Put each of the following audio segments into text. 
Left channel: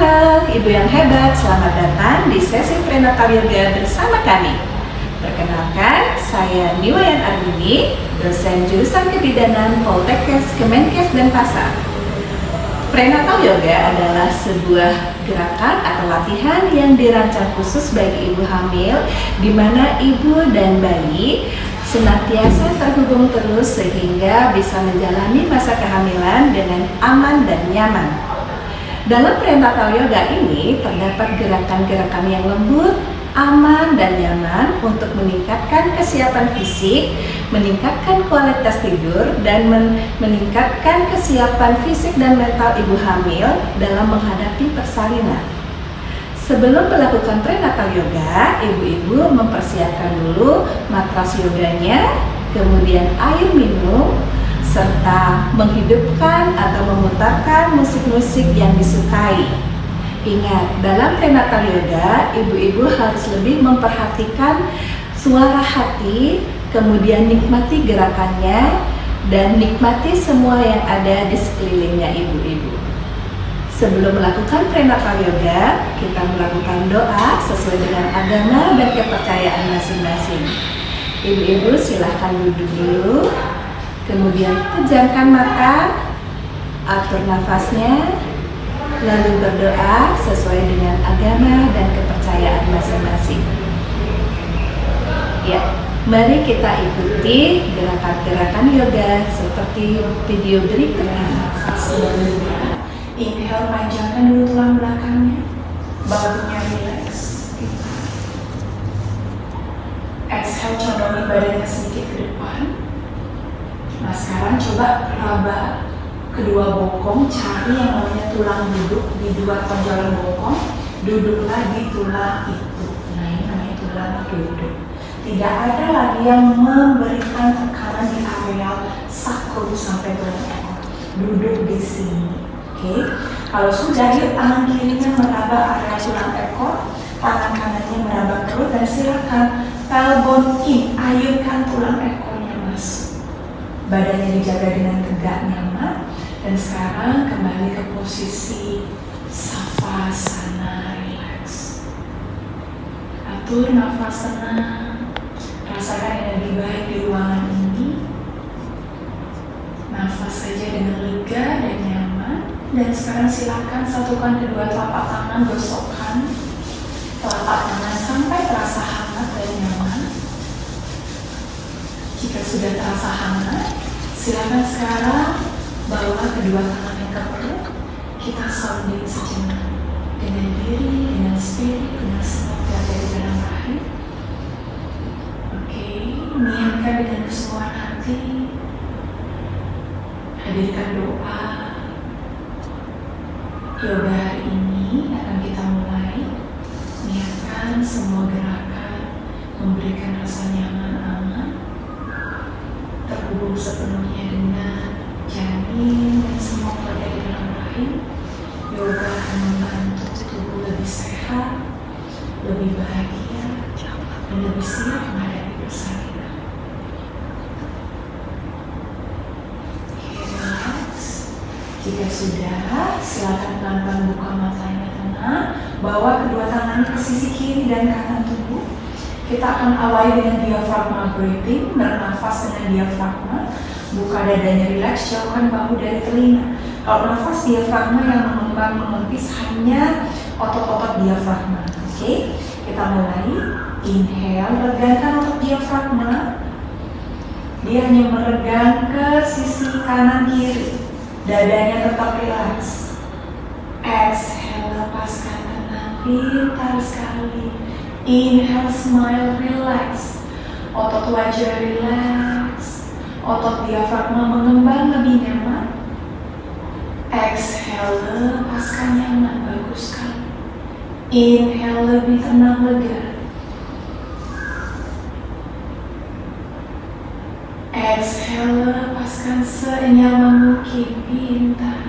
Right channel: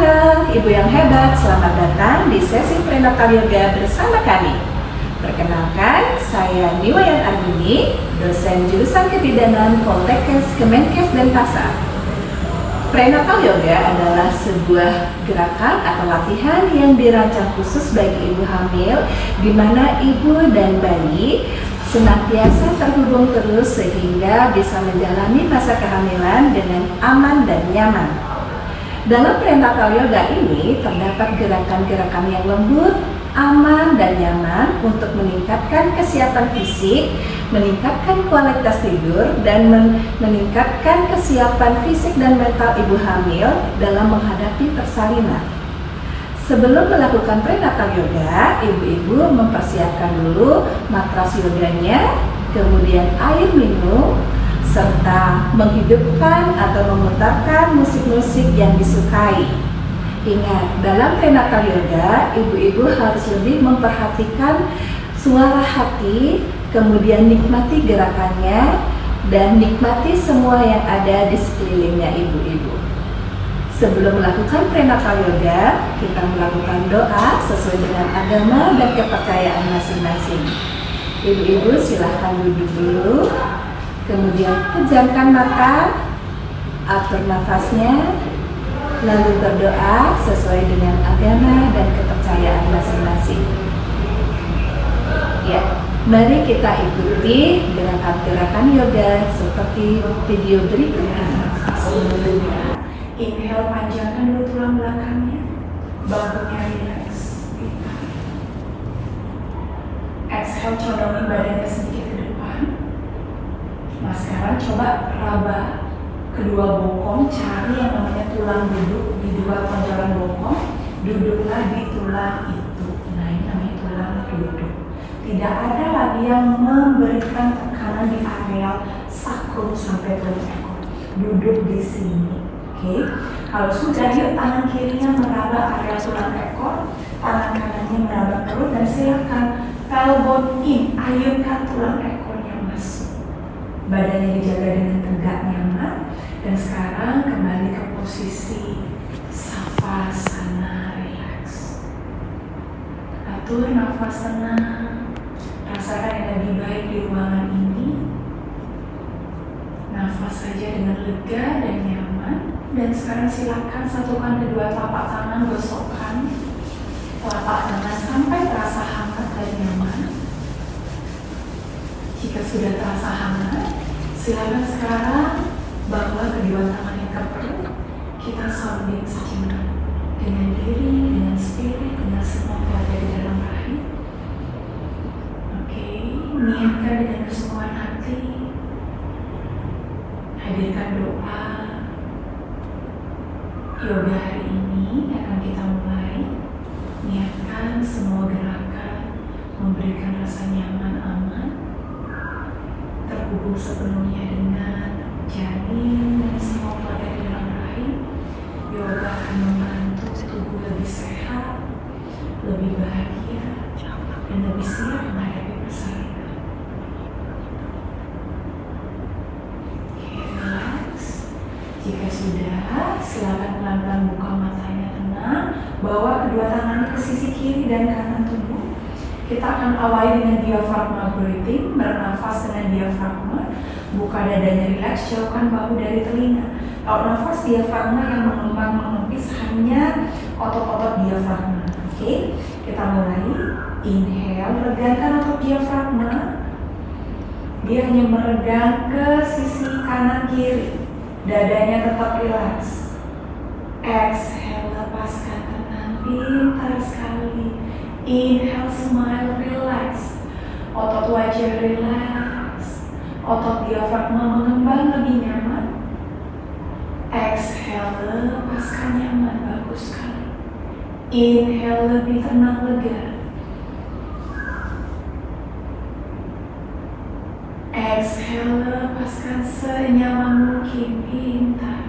Halo, Ibu yang hebat, selamat datang di sesi prenatal yoga bersama kami. Perkenalkan, saya Niwayan Armini, dosen jurusan kebidanan Poltekkes, Kemenkes, Denpasar. Prenatal yoga adalah sebuah gerakan atau latihan yang dirancang khusus bagi ibu hamil, di mana ibu dan bayi senantiasa terhubung terus sehingga bisa menjalani masa kehamilan dengan aman dan nyaman. Dalam prenatal yoga ini terdapat gerakan-gerakan yang lembut, aman, dan nyaman untuk meningkatkan kesiapan fisik, meningkatkan kualitas tidur, dan meningkatkan kesiapan fisik dan mental ibu hamil dalam menghadapi persalinan. Sebelum melakukan prenatal yoga, ibu-ibu mempersiapkan dulu matras yoganya, kemudian air minum, serta menghidupkan atau memutarkan musik-musik yang disukai. Ingat, dalam prenatal yoga, ibu-ibu harus lebih memperhatikan suara hati, kemudian nikmati gerakannya, dan nikmati semua yang ada di sekelilingnya ibu-ibu. Sebelum melakukan prenatal yoga, kita melakukan doa sesuai dengan agama dan kepercayaan masing-masing. Ibu-ibu silahkan duduk dulu. Kemudian pejamkan mata, atur nafasnya, lalu berdoa sesuai dengan agama dan kepercayaan masing-masing. Ya, mari kita ikuti gerakan-gerakan yoga seperti video berikut ini. Sebelumnya, inhale panjangkan dulu tulang belakangnya, baunya relax. Exhale condongin badannya sedikit ke depan. Nah sekarang coba raba kedua bokong, cari yang namanya tulang duduk di dua tonjolan bokong, duduklah di tulang itu. Nah ini namanya tulang duduk. Tidak ada lagi yang memberikan tekanan di area sakrum sampai ke bokong. Duduk di sini. Oke. Kalau sudah, yuk tangan kirinya meraba area tulang ekor, tangan kanannya meraba perut, dan silakan tailbone in, ayunkan tulang ekornya masuk. Badannya dijaga dengan tegak nyaman, dan sekarang kembali ke posisi savasana, relax. Atur nafas tenang, rasakan energi baik di ruangan ini. Nafas saja dengan lega dan nyaman. Dan sekarang silakan satukan kedua telapak tangan, gosokkan telapak tangan sampai terasa hangat dan nyaman. Jika sudah terasa hangat, silakan sekarang bawa kedua tangannya ke perut. Kita sounding sejenak dengan diri, dengan spirit, dengan semoga dari dalam rahim. Oke, niatkan dengan kesemuan hati. Hadirkan doa. Yoga hari ini akan kita mulai. Niatkan semua gerakan memberikan rasa nyaman, aman, terhubung sepenuhnya dengan janin dan semua pada dalam rahim. Yoga akan membantu tubuh lebih sehat, lebih bahagia, dan lebih siap menghadapi persalinan. Relax. Jika sudah, silakan pelan-pelan buka matanya tenang. Bawa kedua tangannya ke sisi kiri dan kanan tubuh. Kita akan awali dengan diafragma breathing, bernafas dengan diafragma. Buka dadanya relax, jauhkan bahu dari telinga. Kalau nafas diafragma yang mengembang mengempis hanya otot-otot diafragma. Oke, kita mulai. Inhale, regangkan otot diafragma. Dia hanya meregang ke sisi kanan kiri. Dadanya tetap relax. Exhale, lepaskan tenang, pintar sekali. Inhale, smile, relax. Otot wajah relax. Otot diafragma mengembang lebih nyaman. Exhale, lepaskan nyaman, bagus sekali. Inhale, lebih tenang, lega. Exhale, lepaskan senyaman mungkin, pintar.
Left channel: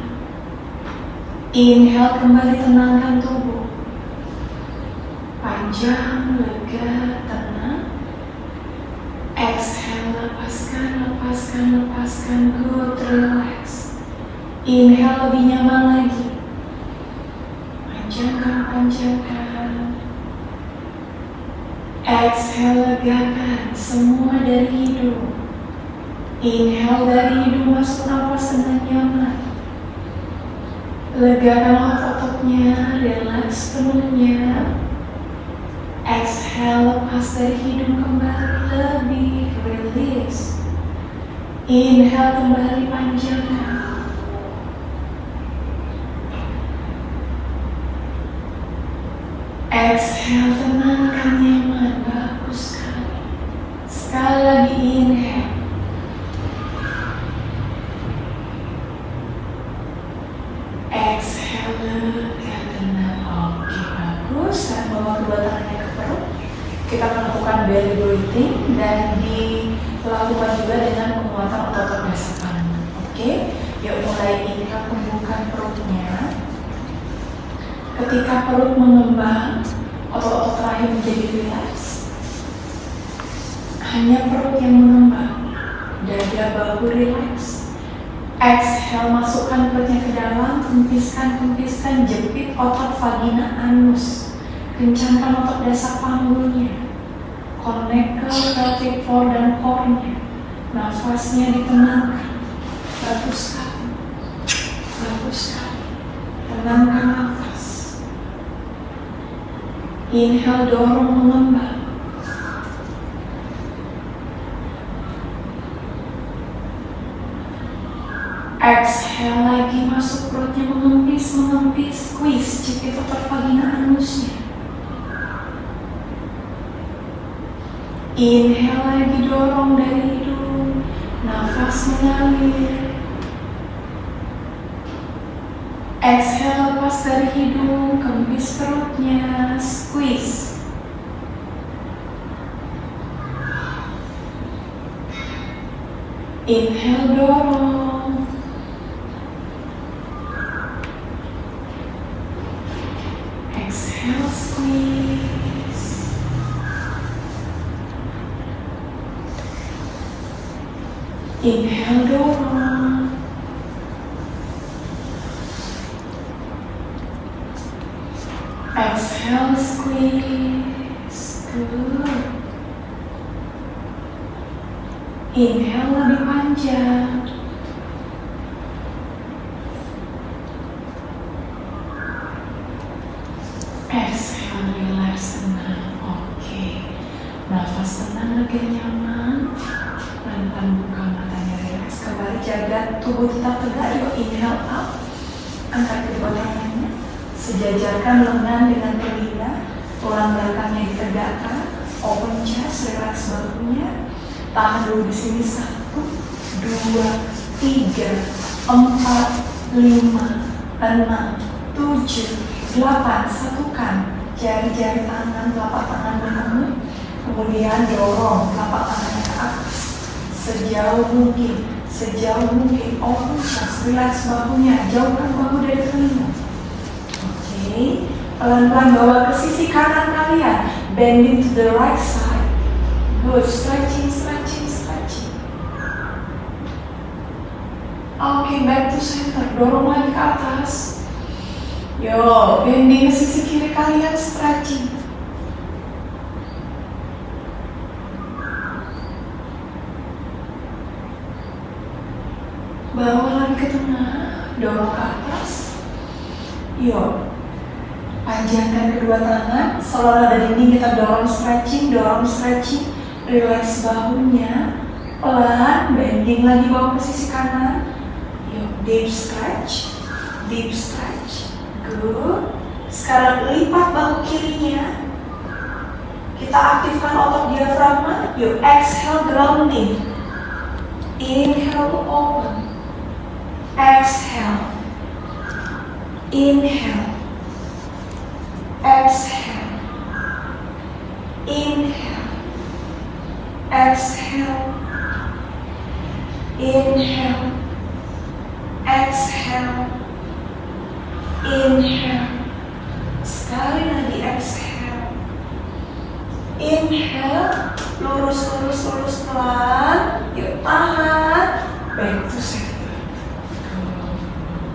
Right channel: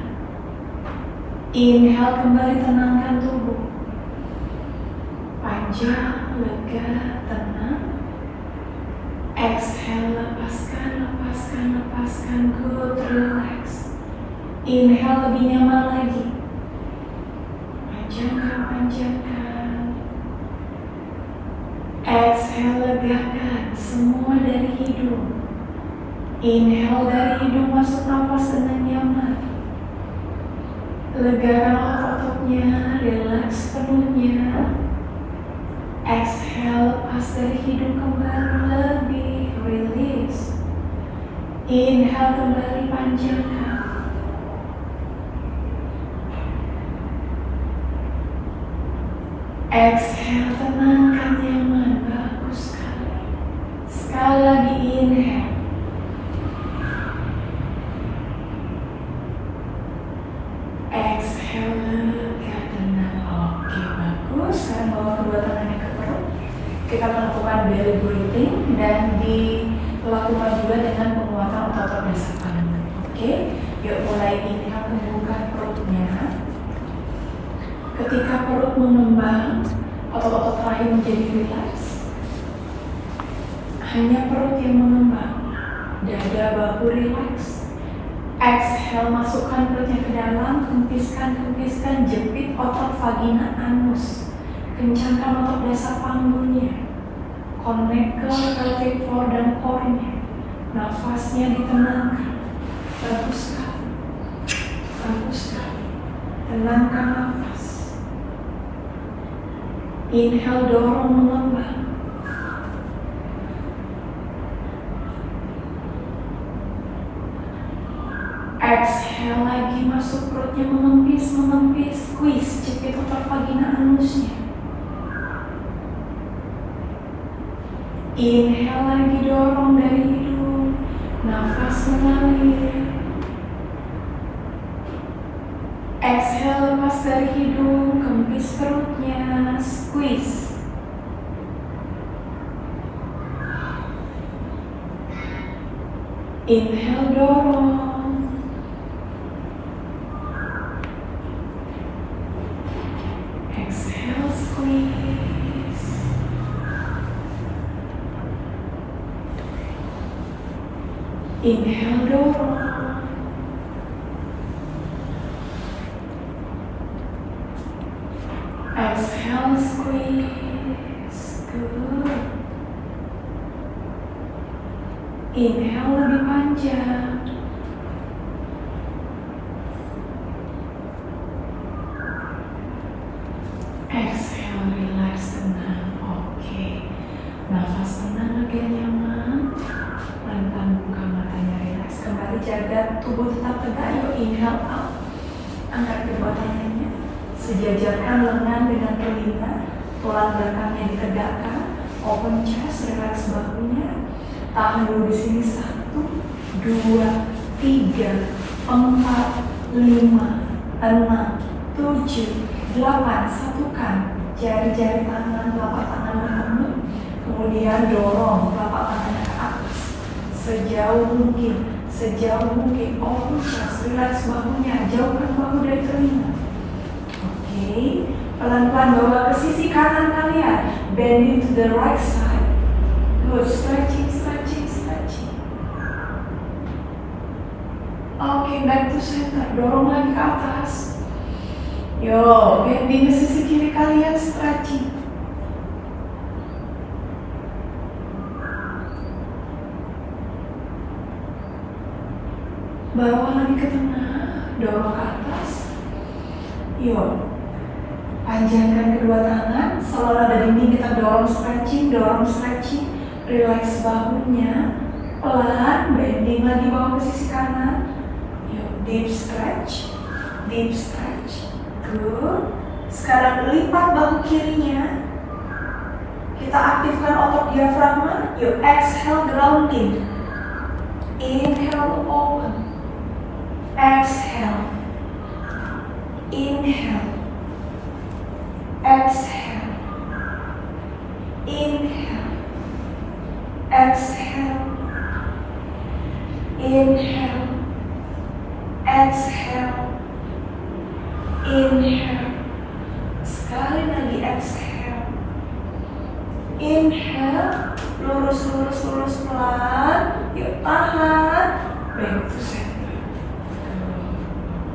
Inhale, kembali tenangkan tubuh. Panjang, lega, tenang. Exhale, lepaskan, lepaskan, lepaskan, good, relax. Inhale, lebih nyaman lagi. legakan semua dari hidung. Inhale dari hidung, masuk nafas dengan nyaman. Legakan otot-ototnya, relax penuhnya. Exhale, lepas dari hidung kembali lebih, release. Inhale, kembali panjangkan. Exhale, tenangkan nyaman, bagus sekali. Sekali lagi inhale. Exhale, lega, tenang. Oke, bagus. Sekarang bawa kedua tangannya ke perut. Kita melakukan belly breathing dan dilakukan juga dengan penguatan otot dasar panggung. Oke, yuk mulai inhale, tumbuhkan perutnya. Ketika perut mengembang, otot-otot terakhir menjadi rileks. Hanya perut yang mengembang, dada bahu rileks. Exhale, masukkan perutnya ke dalam, kempiskan, jepit otot vagina anus. Kencangkan otot dasar panggungnya. Connect ke pelvic floor dan core-nya. Nafasnya ditenangkan. Bagus sekali. Bagus sekali. Tenangkan nafas. Inhale, dorong mengembang. Exhale lagi, masuk perutnya mengempis, squeeze, jepit otot vagina anusnya. Inhale lagi, dorong dari hidung, nafas mengalir. Exhale, lepas dari hidung, kempis perutnya, squeeze. Inhale, dorong. Exhale, squeeze. Inhale, dorong. Exhale, squeeze. Good. Inhale lebih panjang. Exhale, relax, tenang. Oke. Nafas tenang, lagi nyaman. Pelan-pelan buka matanya, relax. Kembali jaga tubuh tetap tegak. Yuk, inhale up. Angkat kedua tangannya. Sejajarkan lengan dengan telinga. Tulang belakangnya ditegakkan. Open chest, relax bahunya. Tahan dulu di sini. 1, 2, 3, 4, 5, 6, 7, 8. Satukan jari-jari tangan, telapak tangan bertemu. Kemudian dorong telapak tangan ke atas sejauh mungkin. Open chest, relax bahunya, jauhkan bahu dari telinga. Oke, pelan-pelan bawa ke sisi kanan kalian. Bending to the right side. Good, stretching. Oke, back to center. Dorong lagi ke atas. Yo, bending ke sisi kiri kalian, stretching. Bawa lagi ke tengah, dorong ke atas. Yo, panjangkan kedua tangan, selalu ada dinding, kita dorong stretching. Relax bahunya, pelan, bending lagi bawa ke sisi kanan. Yo, deep stretch. Good. Sekarang lipat bahu kirinya. Kita aktifkan otot diafragma. Yuk, exhale, grounding. Inhale to open. Exhale. Inhale. Exhale. Inhale. Exhale. Inhale. Exhale. Inhale. Sekali lagi exhale. Inhale. Lurus pelan. Yuk, tahan. Back to center.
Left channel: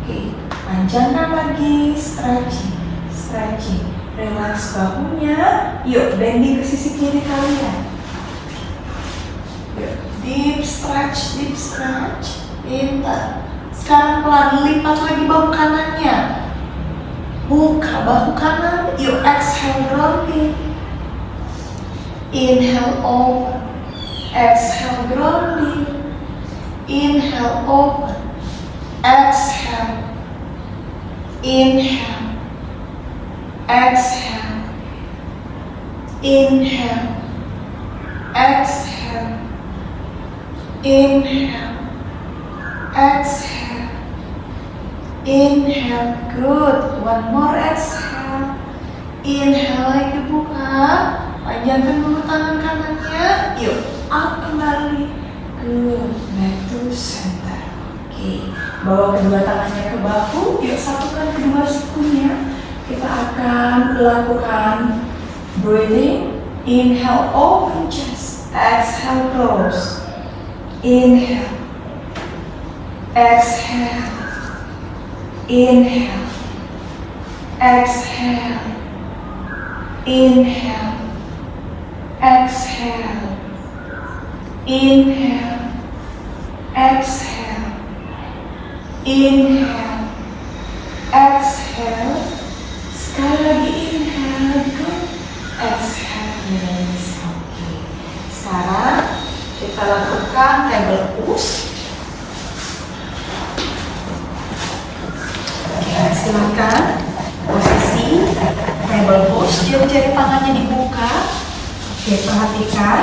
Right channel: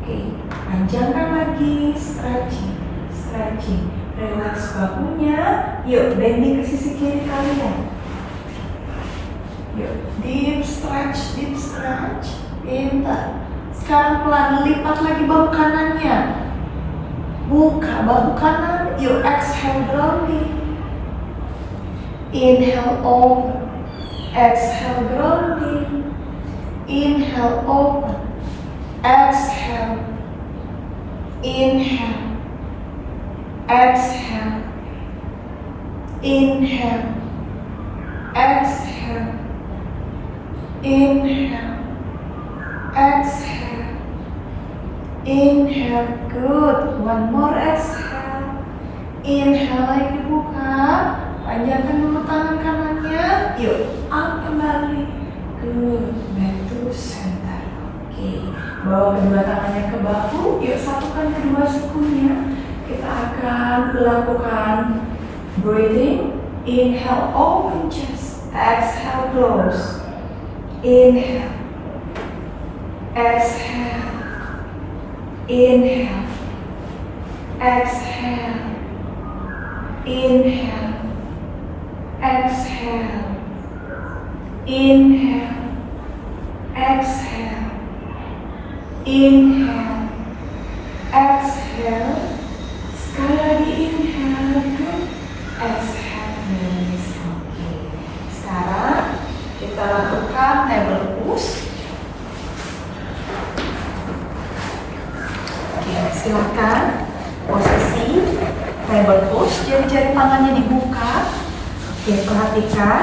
Oke, panjangkan lagi. Stretching. Relax bahunya. Yuk, bending ke sisi kiri kalian. Deep stretch, deep stretch. Pintar. Sekarang pelan, lipat lagi bahu kanannya. Buka bahu kanan. Yuk exhale, grounding. Inhale, open. Exhale, grounding. Inhale, open. Exhale. Inhale. Exhale. Inhale. Exhale. Inhale. Exhale. Inhale. Good. One more exhale. Inhale lagi, buka. Panjangkan dulu tangan kanannya. Yuk, up kembali. Good. Back to center. Oke. Bawa kedua tangannya ke bahu. Yuk, satukan kedua sikunya. Kita akan lakukan breathing. Inhale, open chest. Exhale, close. Inhale. Exhale. Inhale. Exhale. Inhale. Exhale. Inhale. Exhale. Inhale. Exhale. Sekali lagi inhale. Good. Exhale. Release. Oke. Sekarang kita lakukan table push. Oke, silakan posisi table push. Jari-jari tangannya dibuka. Oke, perhatikan.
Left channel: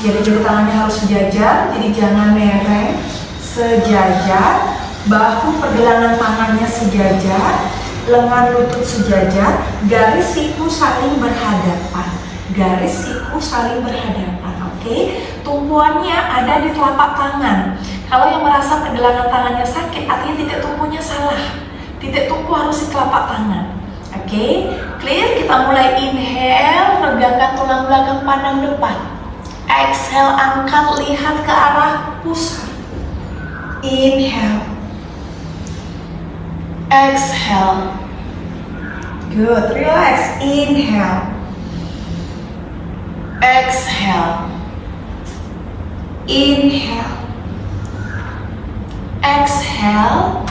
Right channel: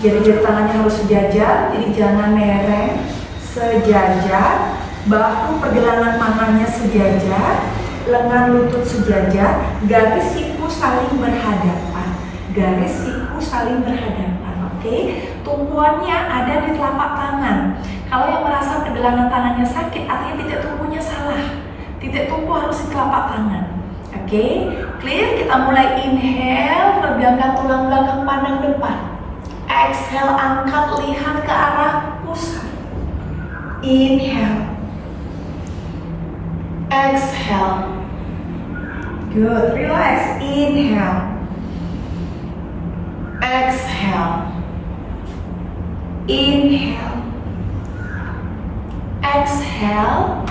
Jari-jari tangannya harus sejajar, jadi jangan mereng. Sejajar. Bahu pergelangan tangannya sejajar. Lengan lutut sejajar. Garis siku saling berhadapan. Garis siku saling berhadapan. Oke, tumpuannya ada di telapak tangan. Kalau yang merasa pergelangan tangannya sakit, artinya titik tumpunya salah. Titik tumpu harus di telapak tangan. Oke, clear? Kita mulai inhale, regangkan tulang belakang, pandang depan. Exhale, angkat, lihat ke arah pusat. Inhale. Exhale. Good, relax. Inhale. Exhale. Inhale. Exhale.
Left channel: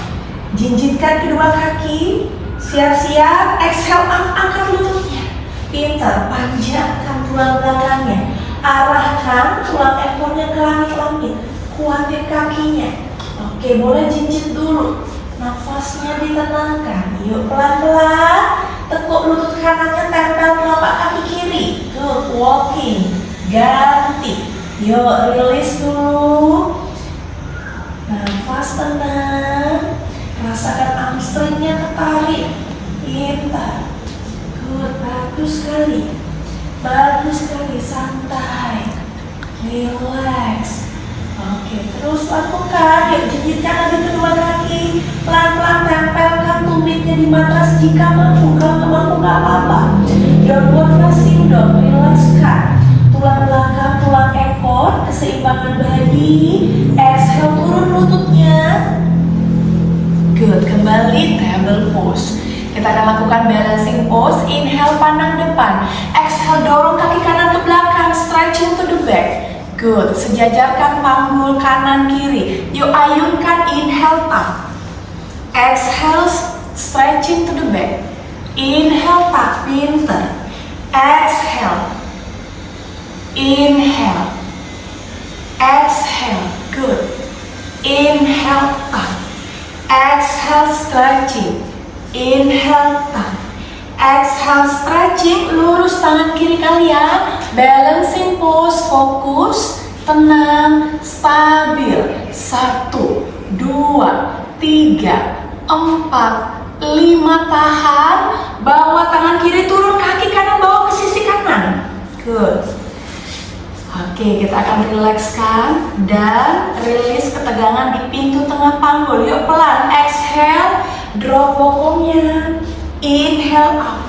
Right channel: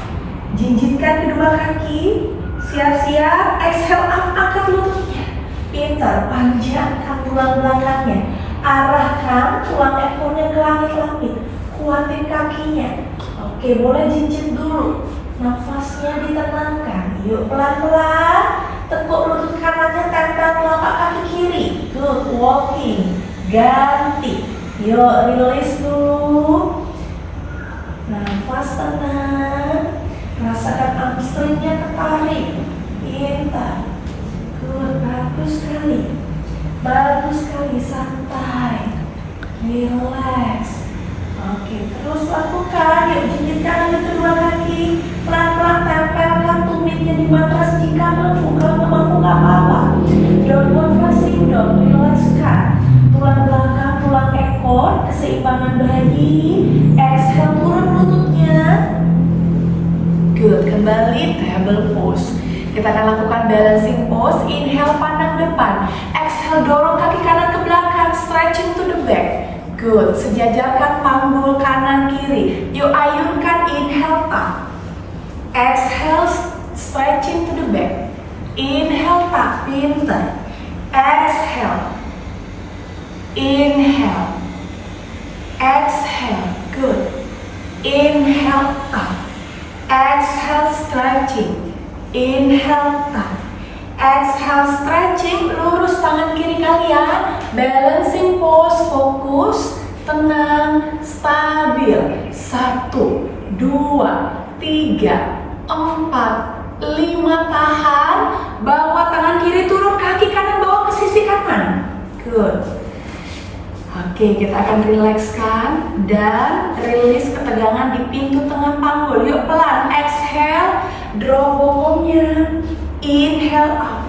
Jinjitkan kedua kaki. Siap-siap. Exhale, angkat lututnya. Pintar, panjangkan tulang belakangnya. Arahkan tulang ekornya ke langit-langit. Kuatin kakinya. Oke, boleh jinjit dulu. Nafasnya ditenangkan. Yuk, pelan-pelan. Tekuk lutut kanannya, tempel telapak kaki kiri. Good, walking. Ganti. Yuk, release dulu. Nafas tenang. Rasakan hamstringnya ketarik. Pintar. Good, bagus sekali. Bagus sekali, santai. Relax. Oke, terus lakukan. Yuk, jinjitkan lagi kedua kaki. Pelan-pelan tempelkan tumitnya di matras jika mampu. Kalau nggak mampu nggak apa-apa. Downward facing dog, relaxkan. Tulang belakang, tulang ekor, keseimbangan badan. Exhale, turun lututnya. Good, kembali table pose. Kita akan lakukan balancing pose. Inhale, pandang depan. Exhale, dorong kaki kanan ke belakang, stretching to the back. Good, sejajarkan panggul kanan kiri. Yuk ayunkan, inhale up. Exhale, stretching to the back. Inhale up, pinter. Exhale. Inhale. Exhale, good. Inhale up. Exhale, stretching. Inhale up. Exhale, stretching. Lurus tangan kiri kalian. Balancing pose, fokus, tenang, stabil. 1, 2, 3, 4, 5, tahan. Bawa tangan kiri turun, kaki kanan bawa ke sisi kanan. Good. Oke, kita akan rilekskan dan rilis ketegangan di pintu tengah panggul. Yuk pelan, exhale, drop bokongnya. Inhale up.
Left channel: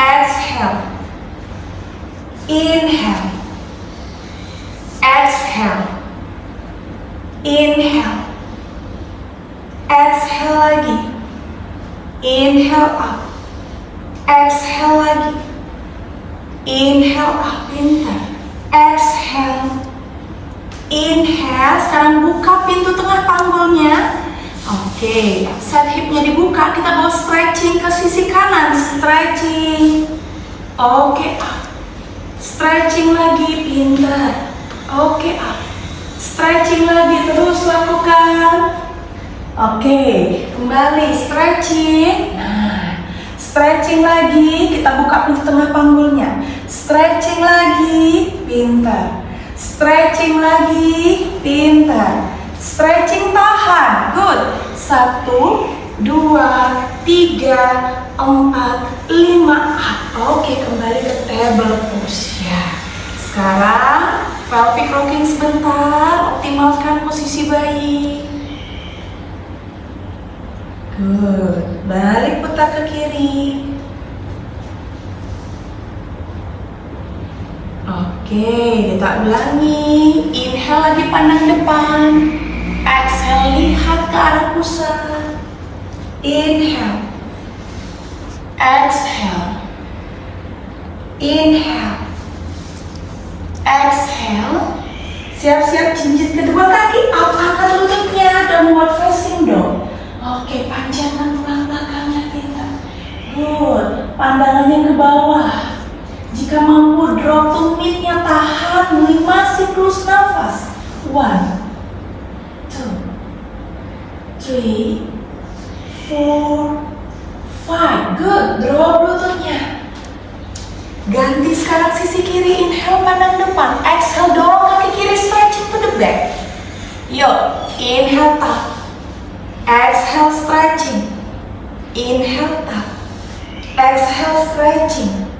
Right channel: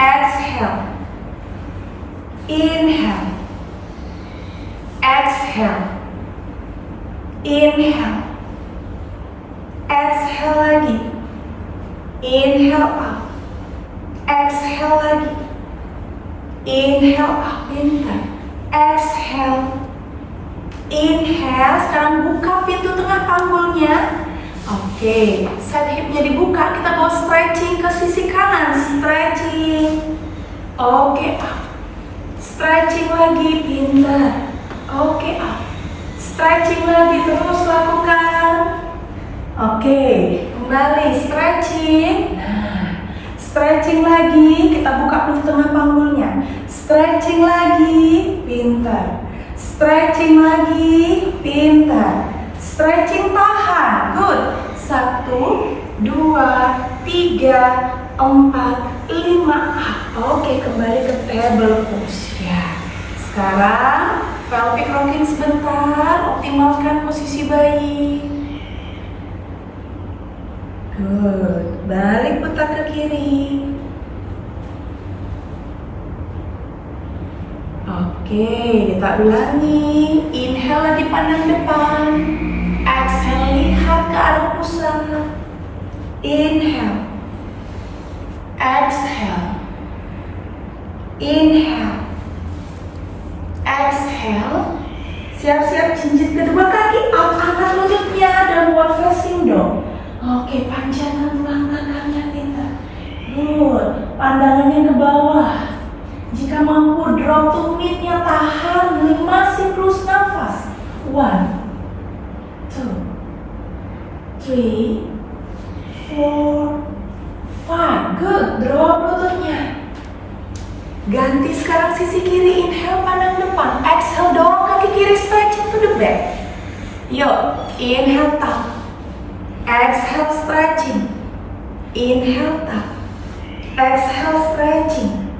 Exhale. Inhale. Exhale. Inhale. Exhale lagi. Inhale up. Exhale lagi. Inhale up, pintar. Exhale. Inhale, sekarang buka pintu tengah panggulnya. Oke, side hipnya dibuka, kita mau stretching ke sisi kanan. Stretching. Oke, up. Stretching lagi, pintar. Oke, up. Stretching lagi, terus lakukan. Oke, kembali stretching. Nah, stretching lagi, kita buka pintu tengah panggulnya. Stretching lagi, pintar. Stretching lagi, pintar. Stretching tahan, good. 1, 2, 3, 4, 5. Oke, kembali ke table pose ya. Sekarang pelvic rocking sebentar, optimalkan posisi bayi. Good. Balik putar ke kiri. Oke, kita ulangi. Inhale lagi pandang depan. Exhale, lihat ke arah pusat. Inhale. Exhale. Inhale. Exhale. Siap-siap jinjit kedua kaki. Angkat lututnya, downward facing dog. Oke, panjangkan tulang belakangnya kita. Good. Pandangannya ke bawah. Jika mampu drop to mid-nya, tahan 5 siklus nafas. 1, 2, 3, 4, 5. Good. Drop lututnya. Ganti sekarang sisi kiri. Inhale pandang depan. Exhale, dorong kaki kiri, stretching to the back. Yuk, inhale up. Exhale, stretching. Inhale up. Exhale, stretching.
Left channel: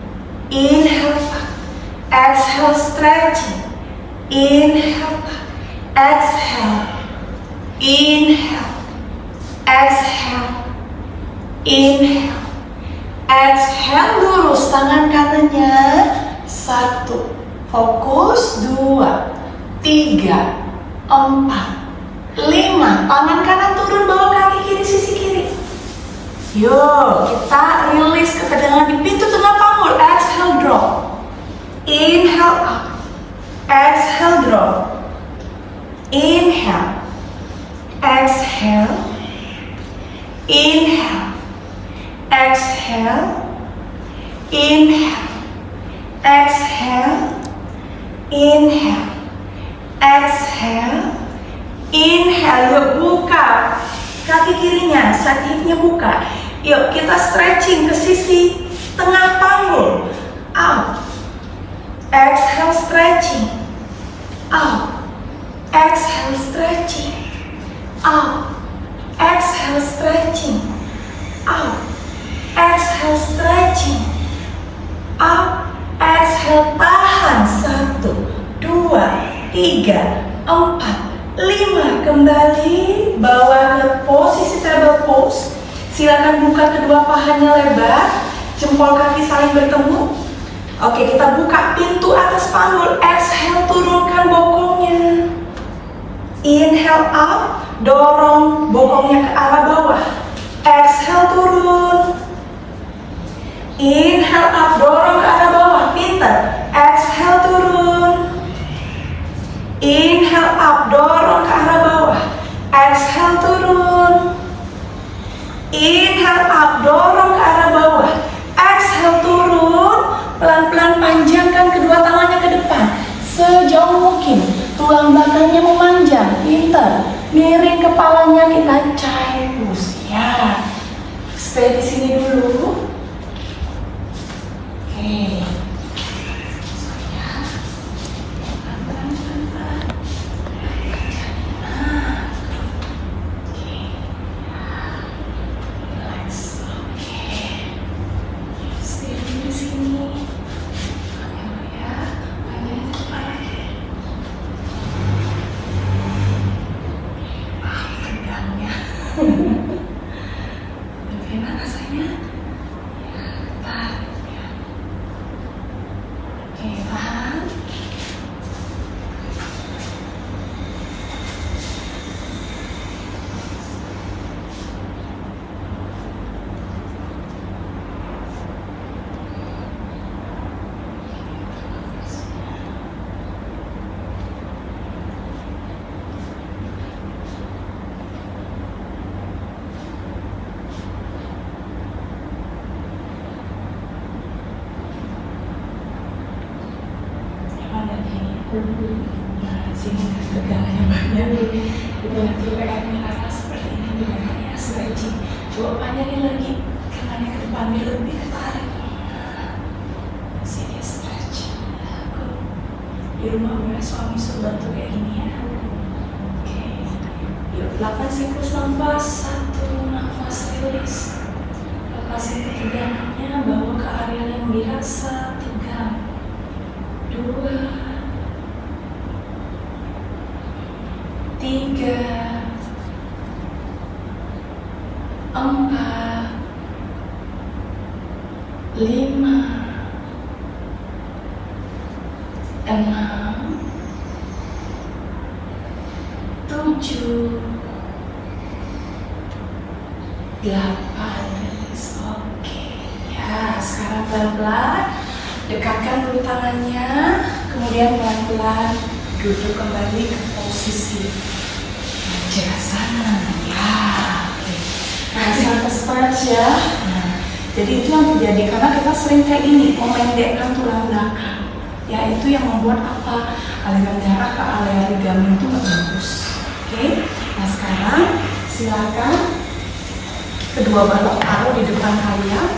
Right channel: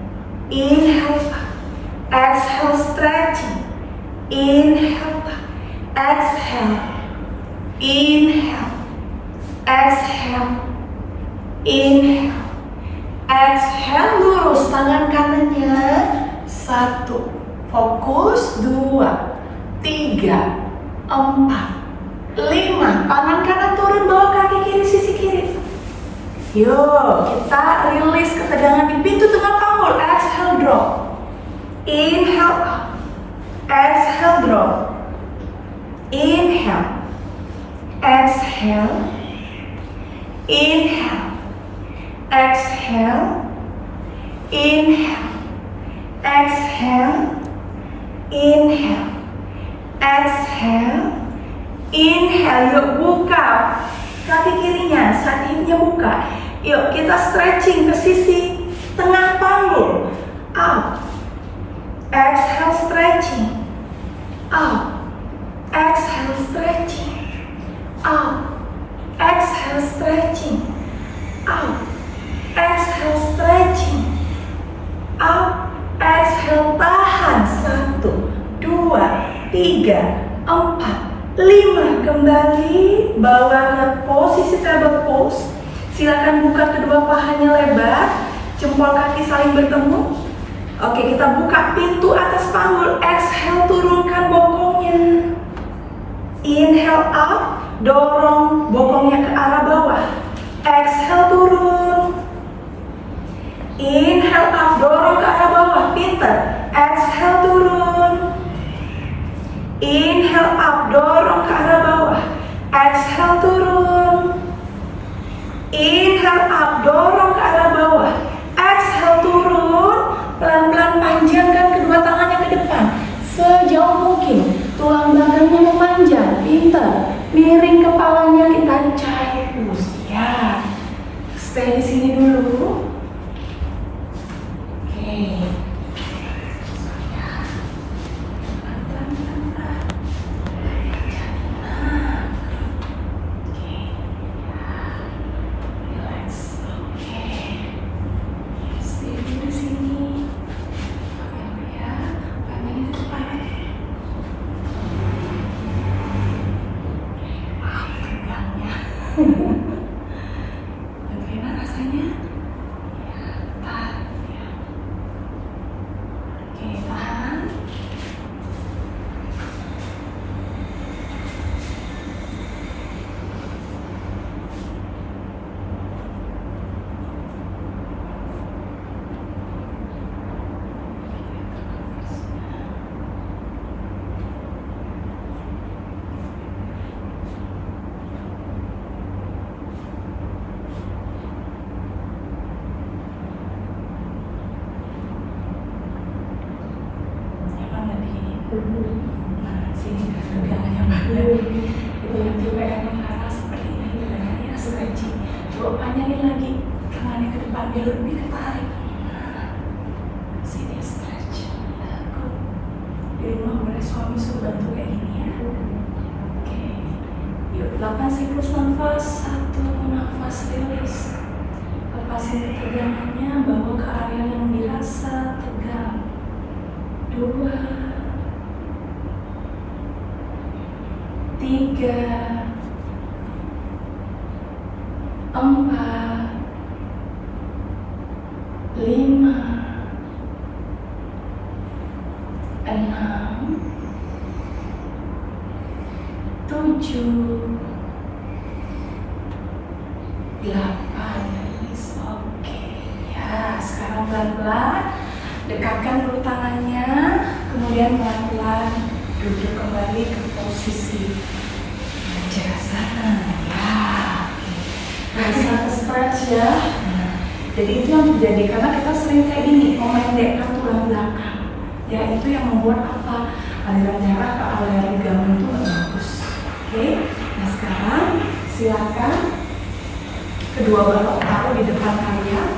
Inhale up. Exhale, stretching. Inhale up. Exhale. Inhale. Exhale. Inhale. Exhale, lurus tangan kanannya. 1. Fokus. 2, 3, 4, 5. Tangan kanan turun, bawa kaki kiri sisi kiri. Yuk, kita release ketegangan di pintu tengah panggul. Exhale, drop. Inhale up. Exhale, drop. Inhale. Exhale. Inhale. Exhale. Inhale. Exhale. Inhale. Exhale. Inhale. Yuk, buka kaki kirinya, sakinya buka. Yuk, kita stretching ke sisi tengah panggul. Up. Exhale, stretching. Up. Exhale, stretching. Up. Exhale, stretching. Up. Exhale, stretching. Up. Exhale, tahan. 1, 2, 3, 4, 5. Kembali, bawa ke posisi table pose. Silakan buka kedua pahanya lebar, jempol kaki saling bertemu. Oke, kita buka pintu atas panggul. Exhale, turunkan bokongnya. Inhale up, dorong bokongnya ke arah bawah. Exhale, turun. Inhale up, dorong ke arah bawah. Pintar. Exhale, turun. Inhale up, dorong ke arah bawah. Exhale, turun. Inhale up, dorong ke arah bawah. Exhale, turun. Pelan-pelan panjangkan kedua tangannya ke depan sejauh mungkin. Tulang belakangnya memanjang. Pintar. Miring kepalanya, kita child pose. Ya. Stay di sini dulu. Oke. Nah, sini tegangannya banyak. Nanti PR-nya Rara seperti ini gimana ya, stretching. Coba panjangin lagi tangannya ke depan, biar lebih ketarik. Sini stretch. Di rumah boleh suami suruh bantu kayak gini ya. Oke. Yuk, 8 siklus nafas, 1 nafas rilis. Lepasin ketegangannya, bawa ke area yang dirasa tegang. 2 3 4 5 6 7 8. Oke ya, sekarang pelan-pelan dekatkan perut tangannya, kemudian pelan-pelan duduk kembali ke posisi wajah sana ya. Rasa stretch ya. Jadi itu yang terjadi karena kita sering kayak ini, memendekkan tulang belakang. Ya itu yang membuat apa? Aliran darah ke area ligamen itu nggak bagus. Oke. Nah sekarang silakan kedua balok taruh di depan kalian.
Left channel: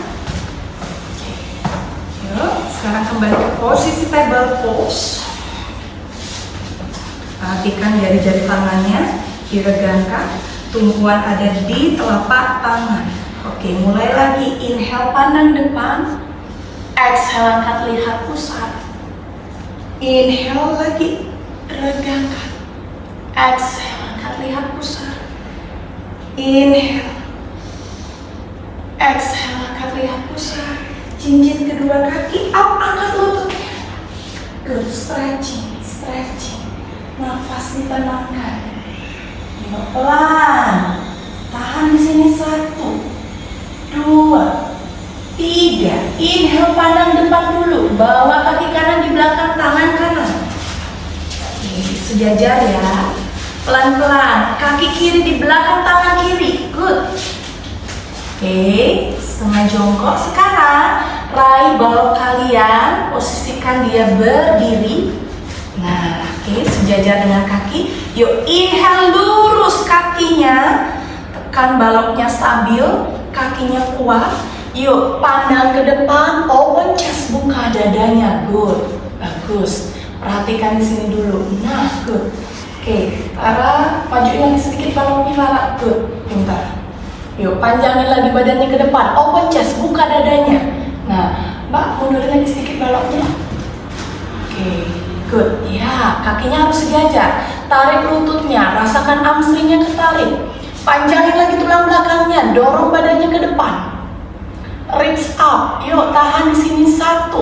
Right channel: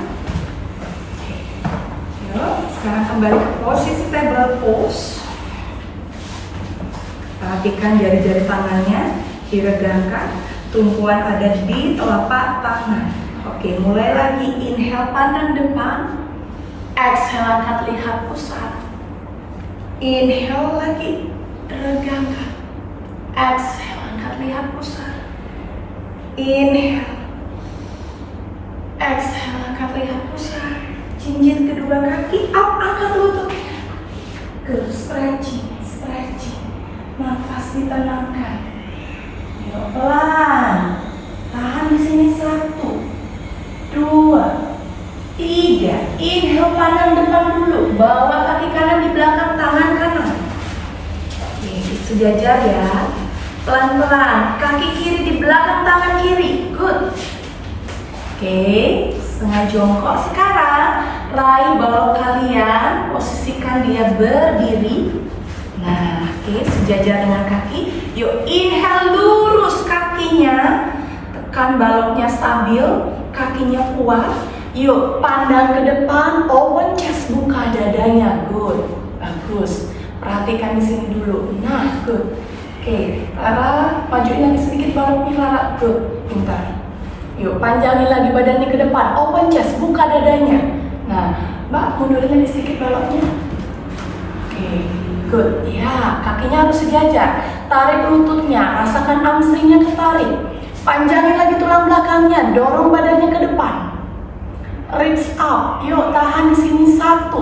Yuk, sekarang kembali ke posisi table pose. Perhatikan jari-jari tangannya diregangkan, tumpuan ada di telapak tangan. Oke, mulai lagi. Inhale pandang depan, exhale angkat lihat pusat. Inhale lagi, regangkan. Exhale angkat lihat pusat. Inhale, exhale angkat lihat pusat. Jinjit kedua kaki up, angkat lututnya. Good, stretching, stretching. Nafas ditenangkan. Yuk, pelan. Tahan di sini 1, 2, 3. Inhale pandang depan dulu. Bawa kaki kanan di belakang tangan kanan. Oke, sejajar ya. Pelan-pelan. Kaki kiri di belakang tangan kiri. Good. Oke, setengah jongkok. Sekarang raih balok kalian. Posisikan dia berdiri. Nah, oke, sejajar dengan kaki. Yuk, inhale lurus kakinya. Tekan baloknya stabil, kakinya kuat. Yuk, pandang ke depan, open chest, buka dadanya. Good, bagus. Perhatikan di sini dulu. Nah, good. Oke, Lara, majuin lagi sedikit baloknya, Lara. Good, pintar. Yuk, panjangin lagi badannya ke depan, open chest, buka dadanya. Nah, Mbak, mundurin lagi sedikit baloknya. Oke, good. Ya, kakinya harus sejajar. Tarik lututnya, rasakan hamstringnya ketarik. Panjangin lagi tulang belakangnya, dorong badannya ke depan. Ribs up. Yuk, tahan di sini. 1,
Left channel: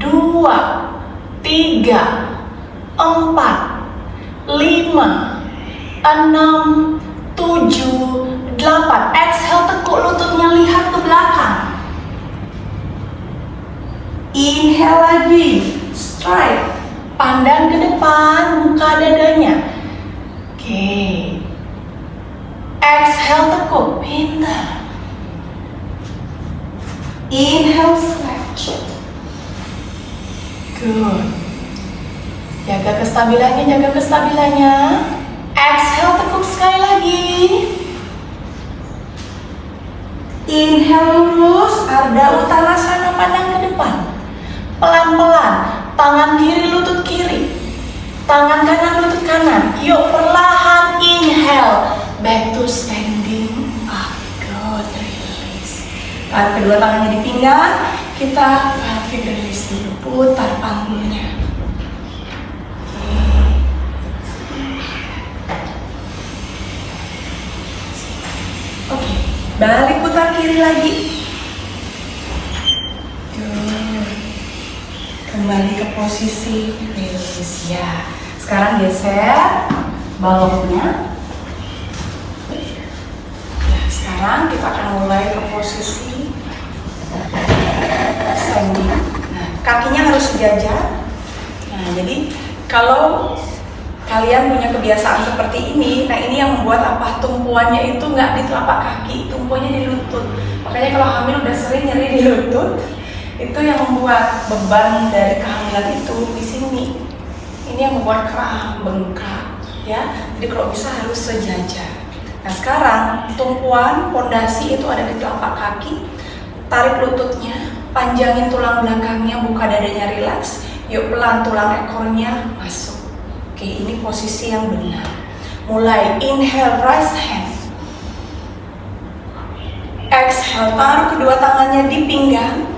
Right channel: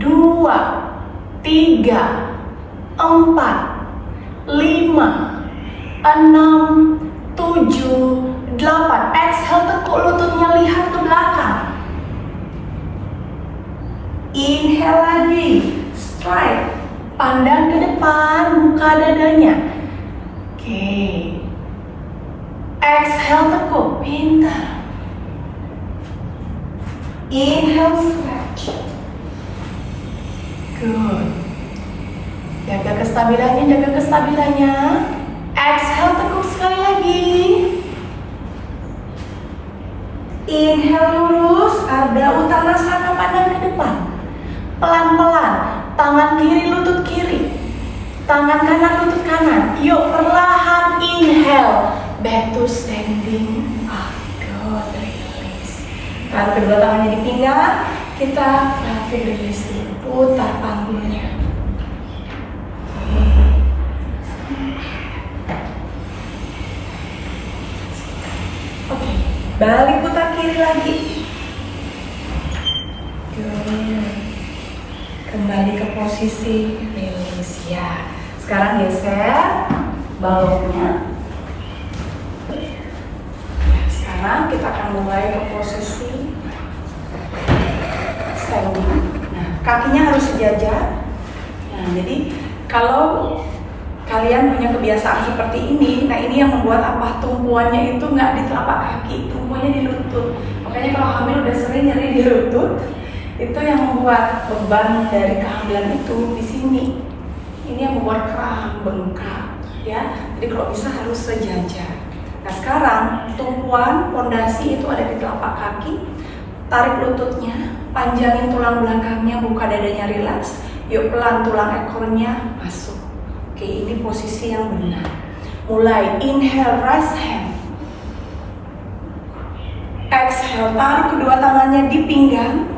2, 3, 4, 5, 6, 7, 8. Exhale, tekuk lututnya, lihat ke belakang. Inhale lagi, strike. Pandang ke depan, buka dadanya. Oke. Exhale, tekuk, pintar. Inhale, stretch. Good. Jaga kestabilannya, Exhale, tekuk sekali lagi. Inhale lurus, ada uttanasana, pandang ke depan. Pelan-pelan, tangan kiri lutut kiri, tangan kanan lutut kanan. Yuk, perlahan inhale, back to standing up. Good, release. Tarik kedua tangannya di pinggang, kita pelvic release dulu, putar panggulnya. Oke, balik putar kiri lagi. Kembali ke posisi release ya. Sekarang geser baloknya. Sekarang kita akan mulai ke posisi standing. Nah, kakinya harus sejajar. Nah, jadi kalau kalian punya kebiasaan seperti ini, nah ini yang membuat apa? Tumpuannya itu nggak di telapak kaki, tumpuannya di lutut. Makanya kalau hamil udah sering nyeri di lutut, itu yang membuat beban dari kehamilan itu di sini. Ini yang membuat kerang bengkak, ya. Jadi kalau bisa harus sejajar. Nah sekarang tumpuan pondasi itu ada di telapak kaki. Tarik lututnya, panjangin tulang belakangnya, buka dadanya rileks. Yuk pelan tulang ekornya masuk. Oke, ini posisi yang benar. Mulai inhale, raise hand. Exhale, taruh kedua tangannya di pinggang.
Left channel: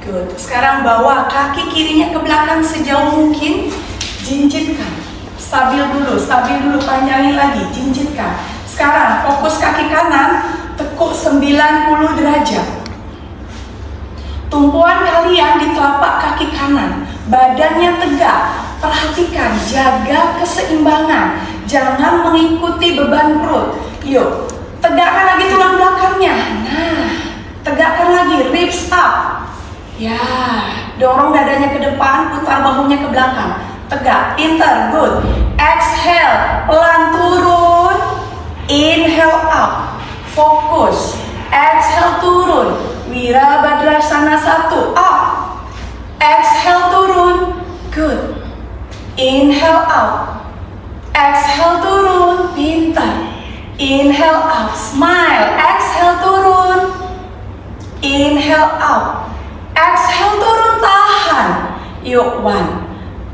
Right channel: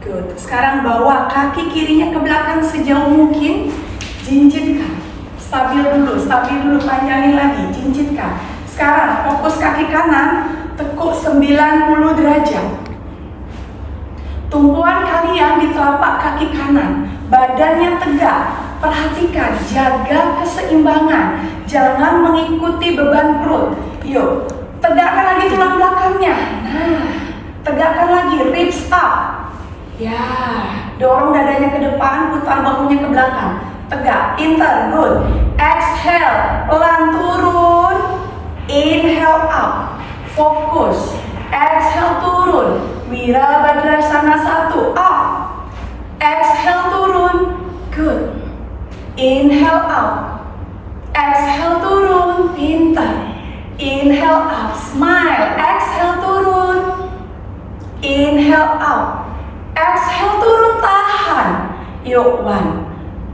Good. Sekarang bawa kaki kirinya ke belakang sejauh mungkin. Jinjitkan. Stabil dulu, panjangin lagi, jinjitkan. Sekarang fokus kaki kanan, tekuk 90 derajat. Tumpuan kalian di telapak kaki kanan, badannya tegak. Perhatikan, jaga keseimbangan. Jangan mengikuti beban perut. Yuk, tegakkan lagi tulang belakangnya. Nah, tegakkan lagi, ribs up. Ya, dorong dadanya ke depan, putar bahunya ke belakang. Tegak, inter, good. Exhale, pelan turun. Inhale up, fokus. Exhale turun. Wirabhadrasana 1, up. Exhale turun, good. Inhale up. Exhale turun, pintar. Inhale up, smile. Exhale turun. Inhale up. Exhale turun, tahan. Yuk, 1,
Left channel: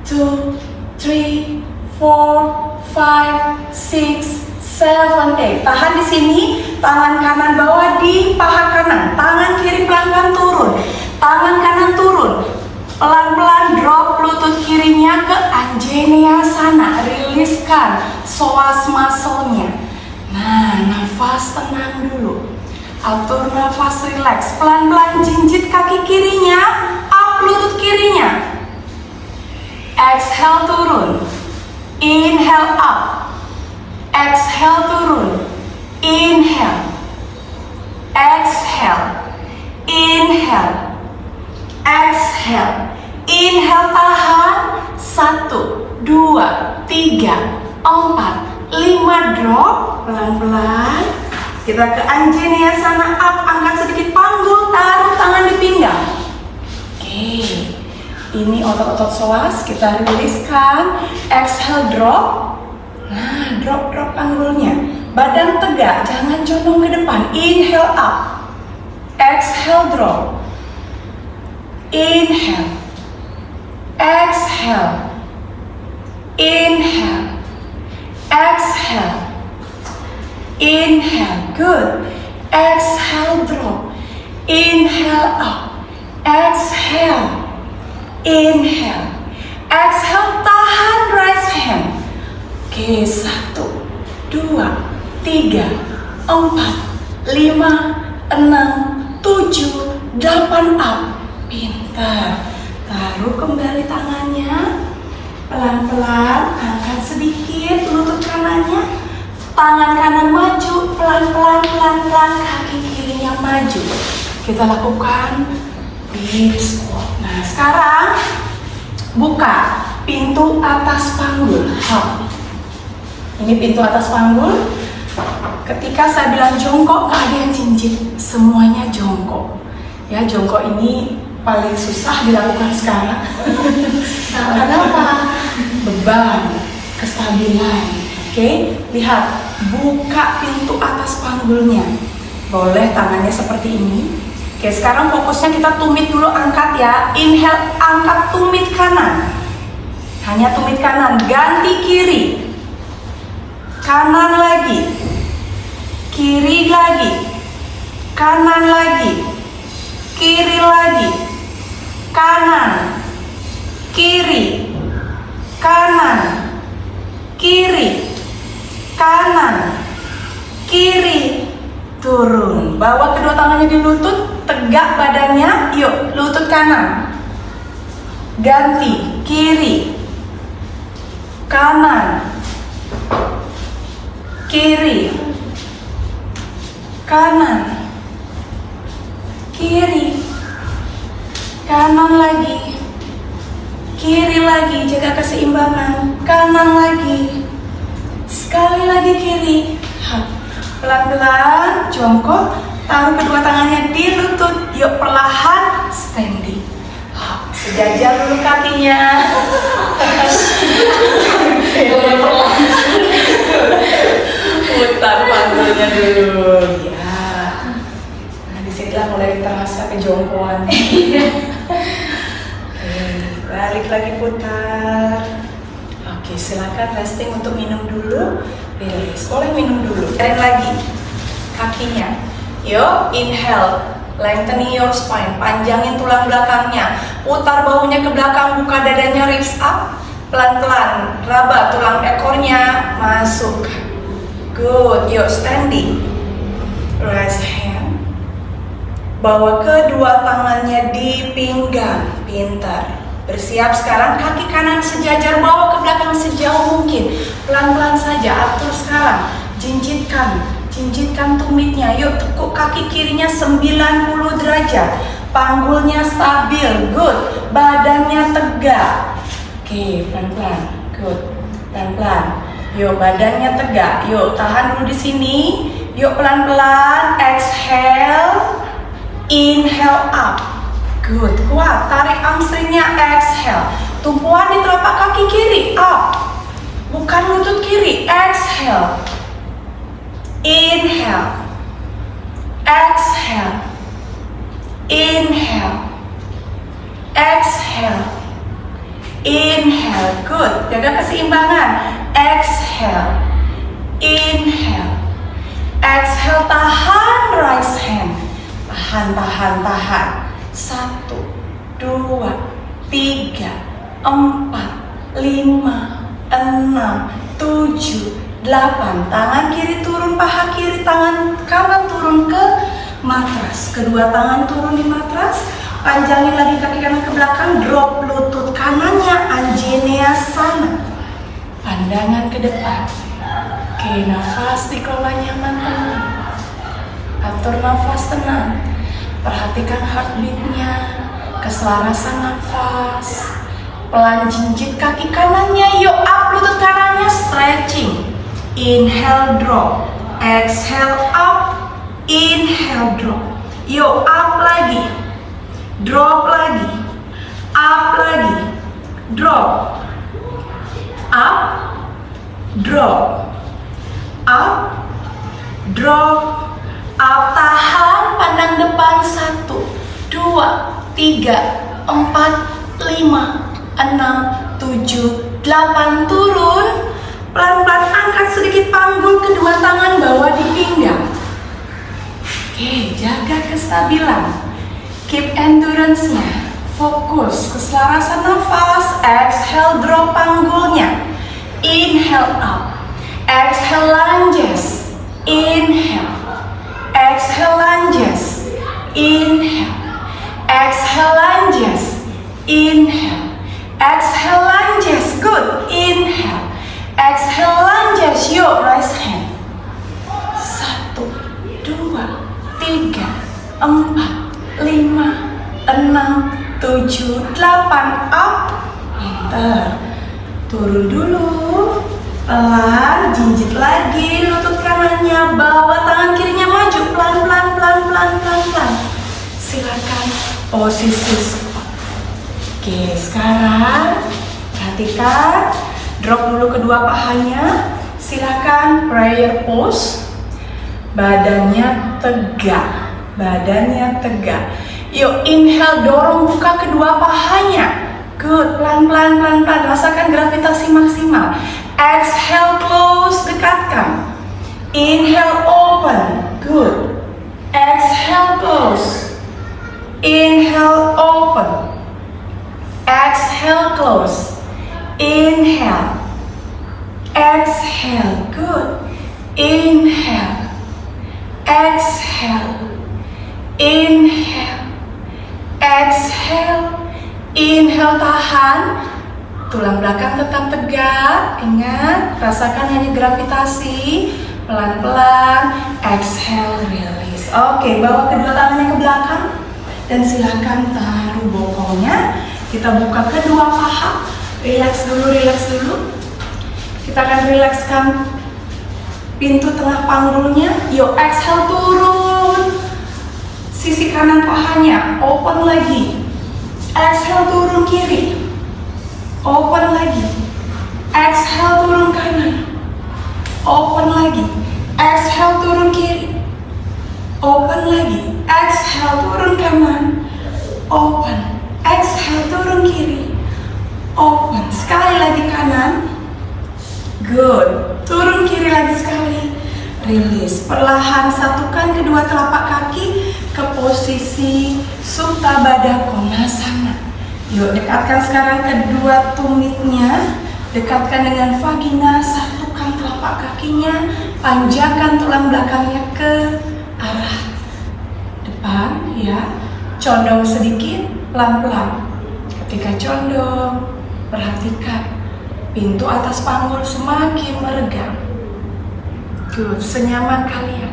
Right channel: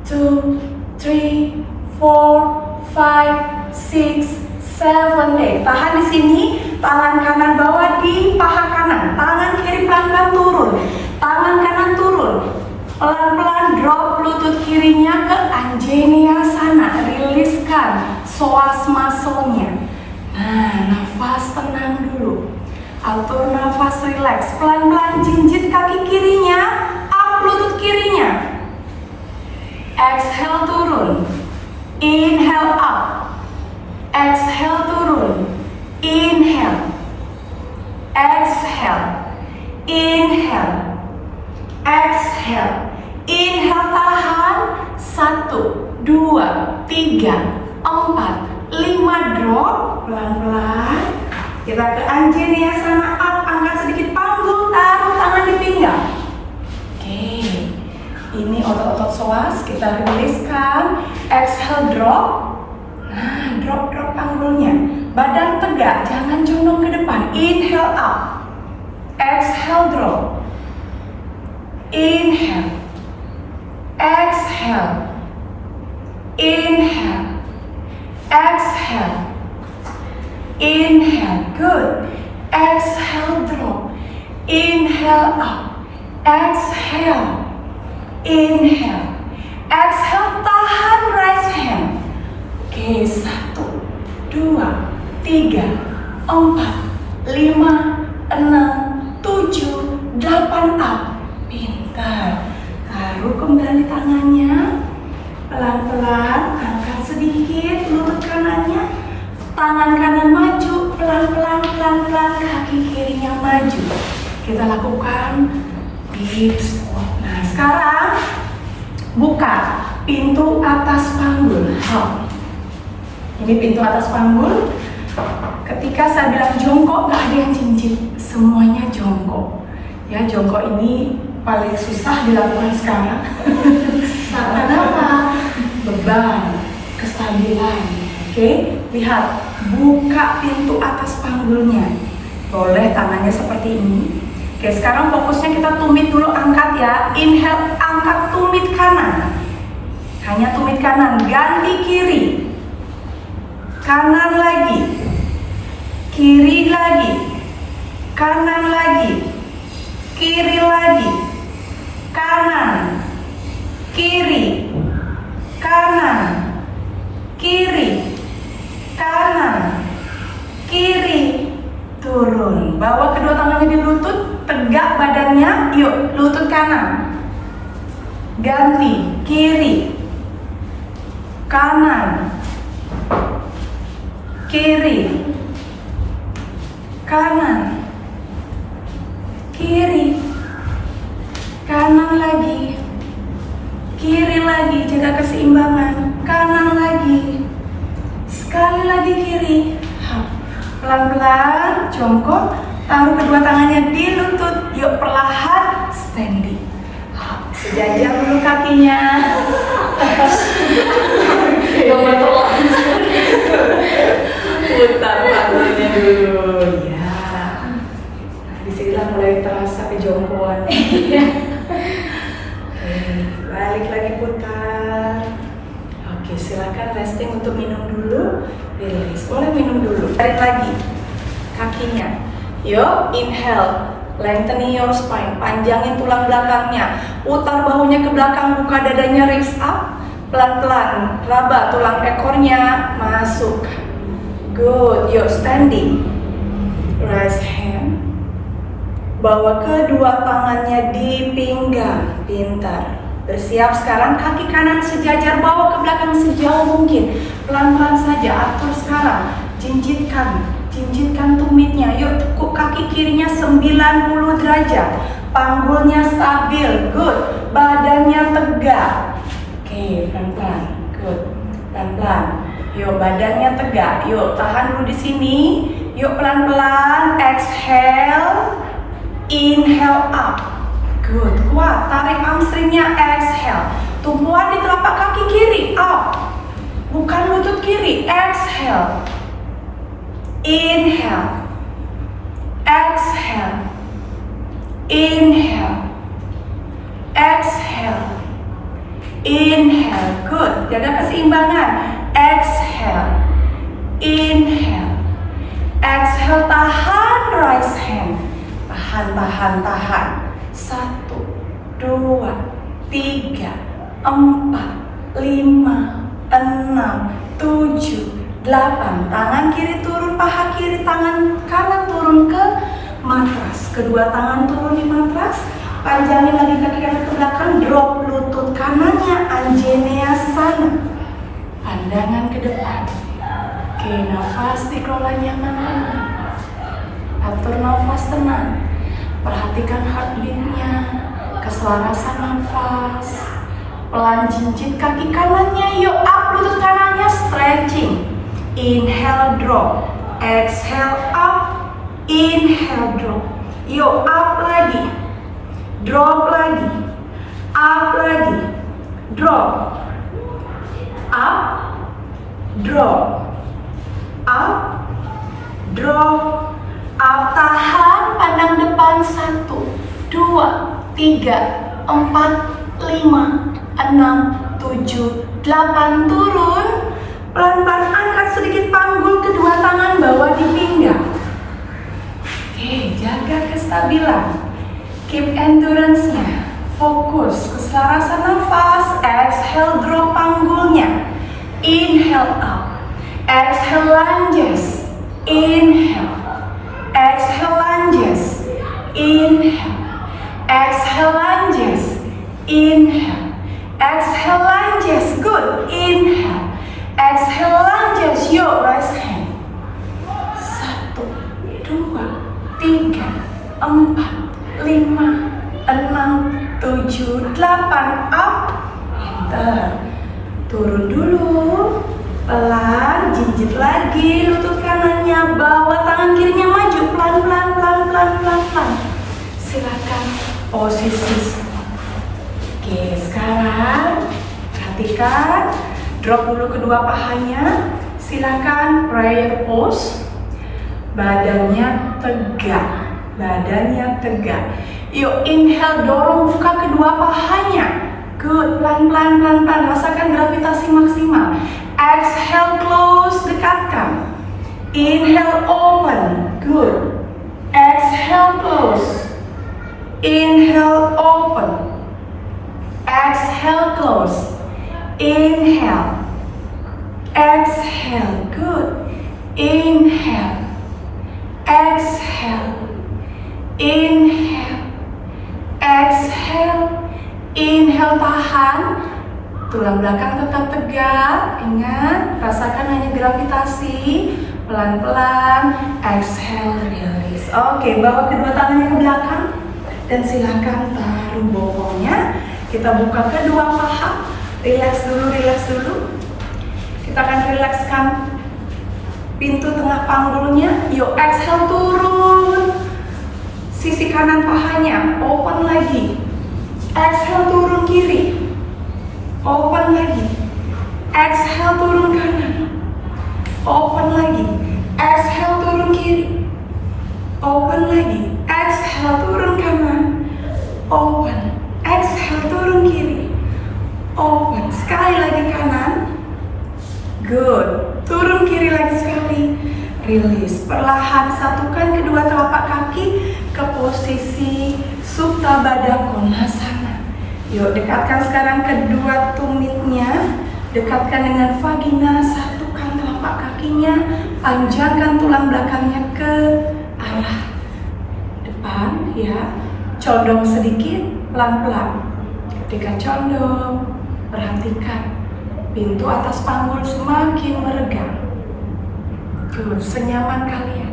2, 3, 4, 5, 6, 7, 8. Tahan di sini. Tangan kanan bawah di paha kanan. Tangan kiri pelan-pelan turun. Tangan kanan turun. Pelan-pelan drop lutut kirinya ke Anjaneyasana. Riliskan psoas muscle-nya. Nah, nafas tenang dulu. Atur nafas relax. Pelan-pelan jinjit kaki kirinya. Up lutut kirinya. Exhale turun. Inhale up. Exhale turun. Inhale. Exhale. Inhale. Exhale. Inhale tahan. 1, 2, 3, 4, 5 drop. Pelan-pelan. Kita ke Anjaneyasana up. Angkat sedikit panggul. Taruh tangan di pinggang. Oke. Ini otot-otot psoas. Kita riliskan. Exhale drop. Nah, drop panggulnya. Badan tegak, jangan condong ke depan. Inhale up. Exhale drop. Inhale. Exhale. Inhale. Exhale. Inhale. Good. Exhale drop. Inhale up. Exhale. Inhale. Exhale tahan, raise hand. Oke, 1, 2, 3, 4, 5, 6, 7, 8 up. Pintar. Taruh kembali tangannya. Pelan-pelan, angkat sedikit lutut kanannya. Tangan kanan maju, pelan-pelan, kaki kirinya maju. Kita lakukan deep squat. Nah, sekarang buka pintu atas panggul. Ini pintu atas panggul. Ketika saya bilang jongkok, nggak ada yang cincin, semuanya jongkok. Ya, jongkok ini paling susah dilakukan sekarang. Kenapa? Beban, kestabilan. Oke, lihat, buka pintu atas panggulnya. Boleh tangannya seperti ini. Oke, sekarang fokusnya kita tumit dulu, angkat ya. Inhale, angkat tumit kanan. Hanya tumit kanan, ganti kiri. Kanan lagi. Kiri lagi. Kanan lagi. Kiri lagi. Kanan. Kiri. Kanan. Kiri. Kanan. Kiri. Turun. Bawa kedua tangannya di lutut. Tegak badannya. Yuk, lutut kanan. Ganti. Kiri. Kanan. Kiri. Kanan. Kiri. Kanan lagi. Kiri lagi, jaga keseimbangan. Kanan lagi. Sekali lagi kiri. Pelan-pelan jongkok. Taruh kedua tangannya di lutut. Yuk perlahan standing. Sejajar dulu kakinya. Putar panggulnya dulu. Ya. Nah, disinilah mulai terasa kejongkoan. Balik lagi putar. Oke, silakan resting untuk minum dulu. Release. Boleh minum dulu. Tarik lagi kakinya. Yuk, inhale. Lengthening your spine. Panjangin tulang belakangnya. Putar bahunya ke belakang. Buka dadanya, ribs up. Pelan-pelan. Raba tulang ekornya. Masuk. Good. Yuk, standing. Right hand. Bawa kedua tangannya di pinggang. Pintar. Bersiap sekarang, kaki kanan sejajar, bawa ke belakang sejauh mungkin. Pelan-pelan saja, atur sekarang. Jinjitkan tumitnya. Yuk, tekuk kaki kirinya 90 derajat. Panggulnya stabil, good. Badannya tegak. Oke, pelan-pelan, good. Pelan-pelan. Yuk, badannya tegak. Yuk, tahan dulu di sini. Yuk, pelan-pelan. Exhale. Inhale up. Good, kuat, tarik hamstringnya, exhale. Tumpuan di telapak kaki kiri, up. Bukan lutut kiri, exhale. Inhale. Exhale. Inhale. Exhale. Inhale, good. Jaga keseimbangan. Exhale. Inhale. Exhale, tahan, right hand. Tahan. 1, 2, 3, 4, 5, 6, 7, 8. Tangan kiri turun, paha kiri, tangan kanan turun ke matras. Kedua tangan turun di matras. Panjangin lagi kaki kanan ke belakang. Drop lutut kanannya, Anjaneyasana. Pandangan ke depan. Oke, nafas dikelola nyaman teman. Atur nafas tenang. Perhatikan heartbeatnya, keselarasan nafas. Pelan jinjit kaki kanannya. Yuk, up lutut kanannya, stretching. Inhale, drop. Exhale, up. Inhale, drop. Yuk, up lagi. Drop lagi. Up lagi. Drop. Up. Drop. Up. Drop. Up, tahan, pandang depan. 1, 2, 3, 4, 5, 6, 7, 8. Turun. Pelan-pelan angkat sedikit panggul, kedua tangan bawa di pinggang. Oke, jaga kestabilan. Keep endurance-nya. Fokus, keselarasan nafas. Exhale, drop panggulnya. Inhale up. Exhale, lunges. Inhale. Exhale, lunges. Inhale. Exhale, lunges. Inhale. Exhale, lunges. Good. Inhale. Exhale, lunges. Yuk, raise hand. 1, 2, 3, 4, 5, 6, 7, 8. Up. Pintar. Turun dulu. Pelan, jinjit lagi lutut kanannya, bawa tangan kirinya maju, pelan. Silakan posisi. Oke, sekarang perhatikan, drop dulu kedua pahanya. Silakan prayer pose. Badannya tegak. Yuk, inhale, dorong buka kedua pahanya. Good, pelan-pelan. Rasakan gravitasi maksimal. Exhale, close, dekatkan. Inhale, open. Good. Exhale, close. Inhale, open. Exhale, close. Inhale. Exhale, good. Inhale. Exhale. Inhale. Exhale. Inhale, tahan. Tulang belakang tetap tegak. Ingat, rasakan hanya gravitasi. Pelan-pelan. Exhale, release. Oke, bawa kedua tangannya ke belakang. Dan silakan taruh bokongnya. Kita buka kedua paha. Relax dulu. Kita akan relakskan pintu tengah panggulnya. Yuk, exhale, turun. Sisi kanan pahanya, open lagi. Exhale, turun kiri. Open lagi. Exhale, turun kanan. Open lagi. Exhale, turun kiri. Open lagi. Exhale, turun kanan. Open. Exhale, turun kiri. Open. Sekali lagi kanan. Good. Turun kiri lagi sekali. Release. Perlahan satukan kedua telapak kaki ke posisi Supta Baddha Konasana. Yuk, dekatkan sekarang kedua tumitnya. Dekatkan dengan vagina. Satukan telapak kakinya. Panjangkan tulang belakangnya ke arah depan, ya. Condong sedikit, pelan-pelan. Ketika condong, perhatikan pintu atas panggul semakin meregang. Good, senyaman kalian.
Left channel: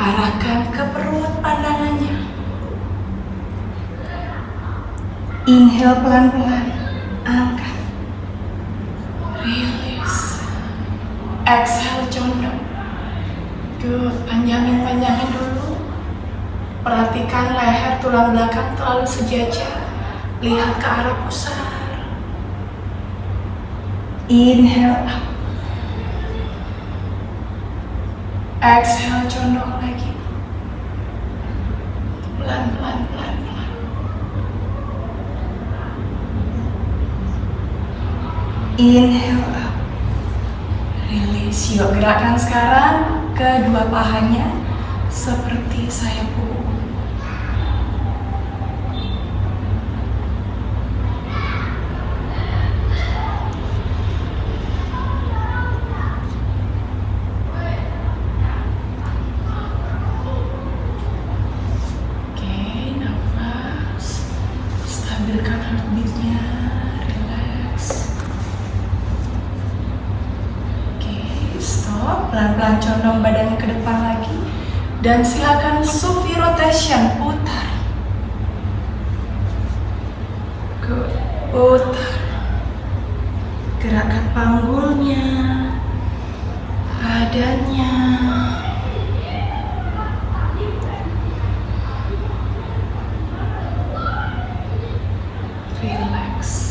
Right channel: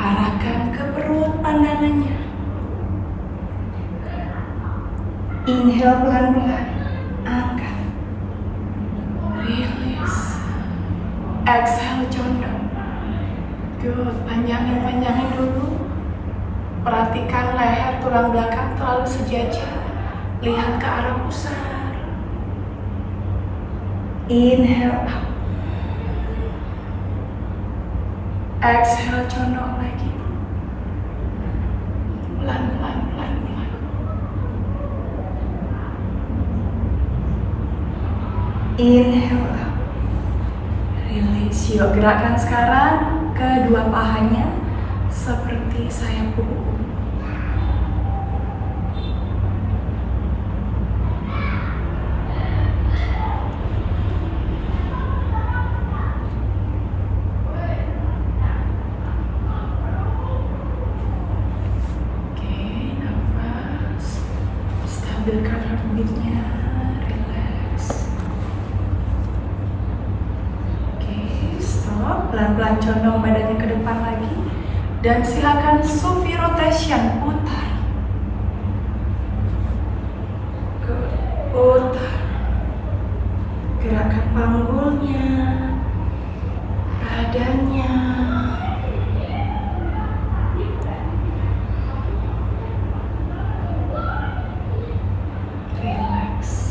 Arahkan ke perut pandangannya. Inhale pelan-pelan, angkat. Release. Exhale, condong. Good, panjangin dulu. Perhatikan leher, tulang belakang terlalu sejajar. Lihat ke arah pusar. Inhale up. Exhale, condong lagi. Pelan-pelan, pelan-pelan. Inhale up. Release. Yuk, gerakkan sekarang kedua pahanya seperti sayap kuku. Stabilkan heartbeatnya, relax. Oke, stop. Pelan-pelan condong badannya ke depan lagi. Dan silakan Sufi rotation, putar. Good, putar. Gerakkan panggulnya, badannya.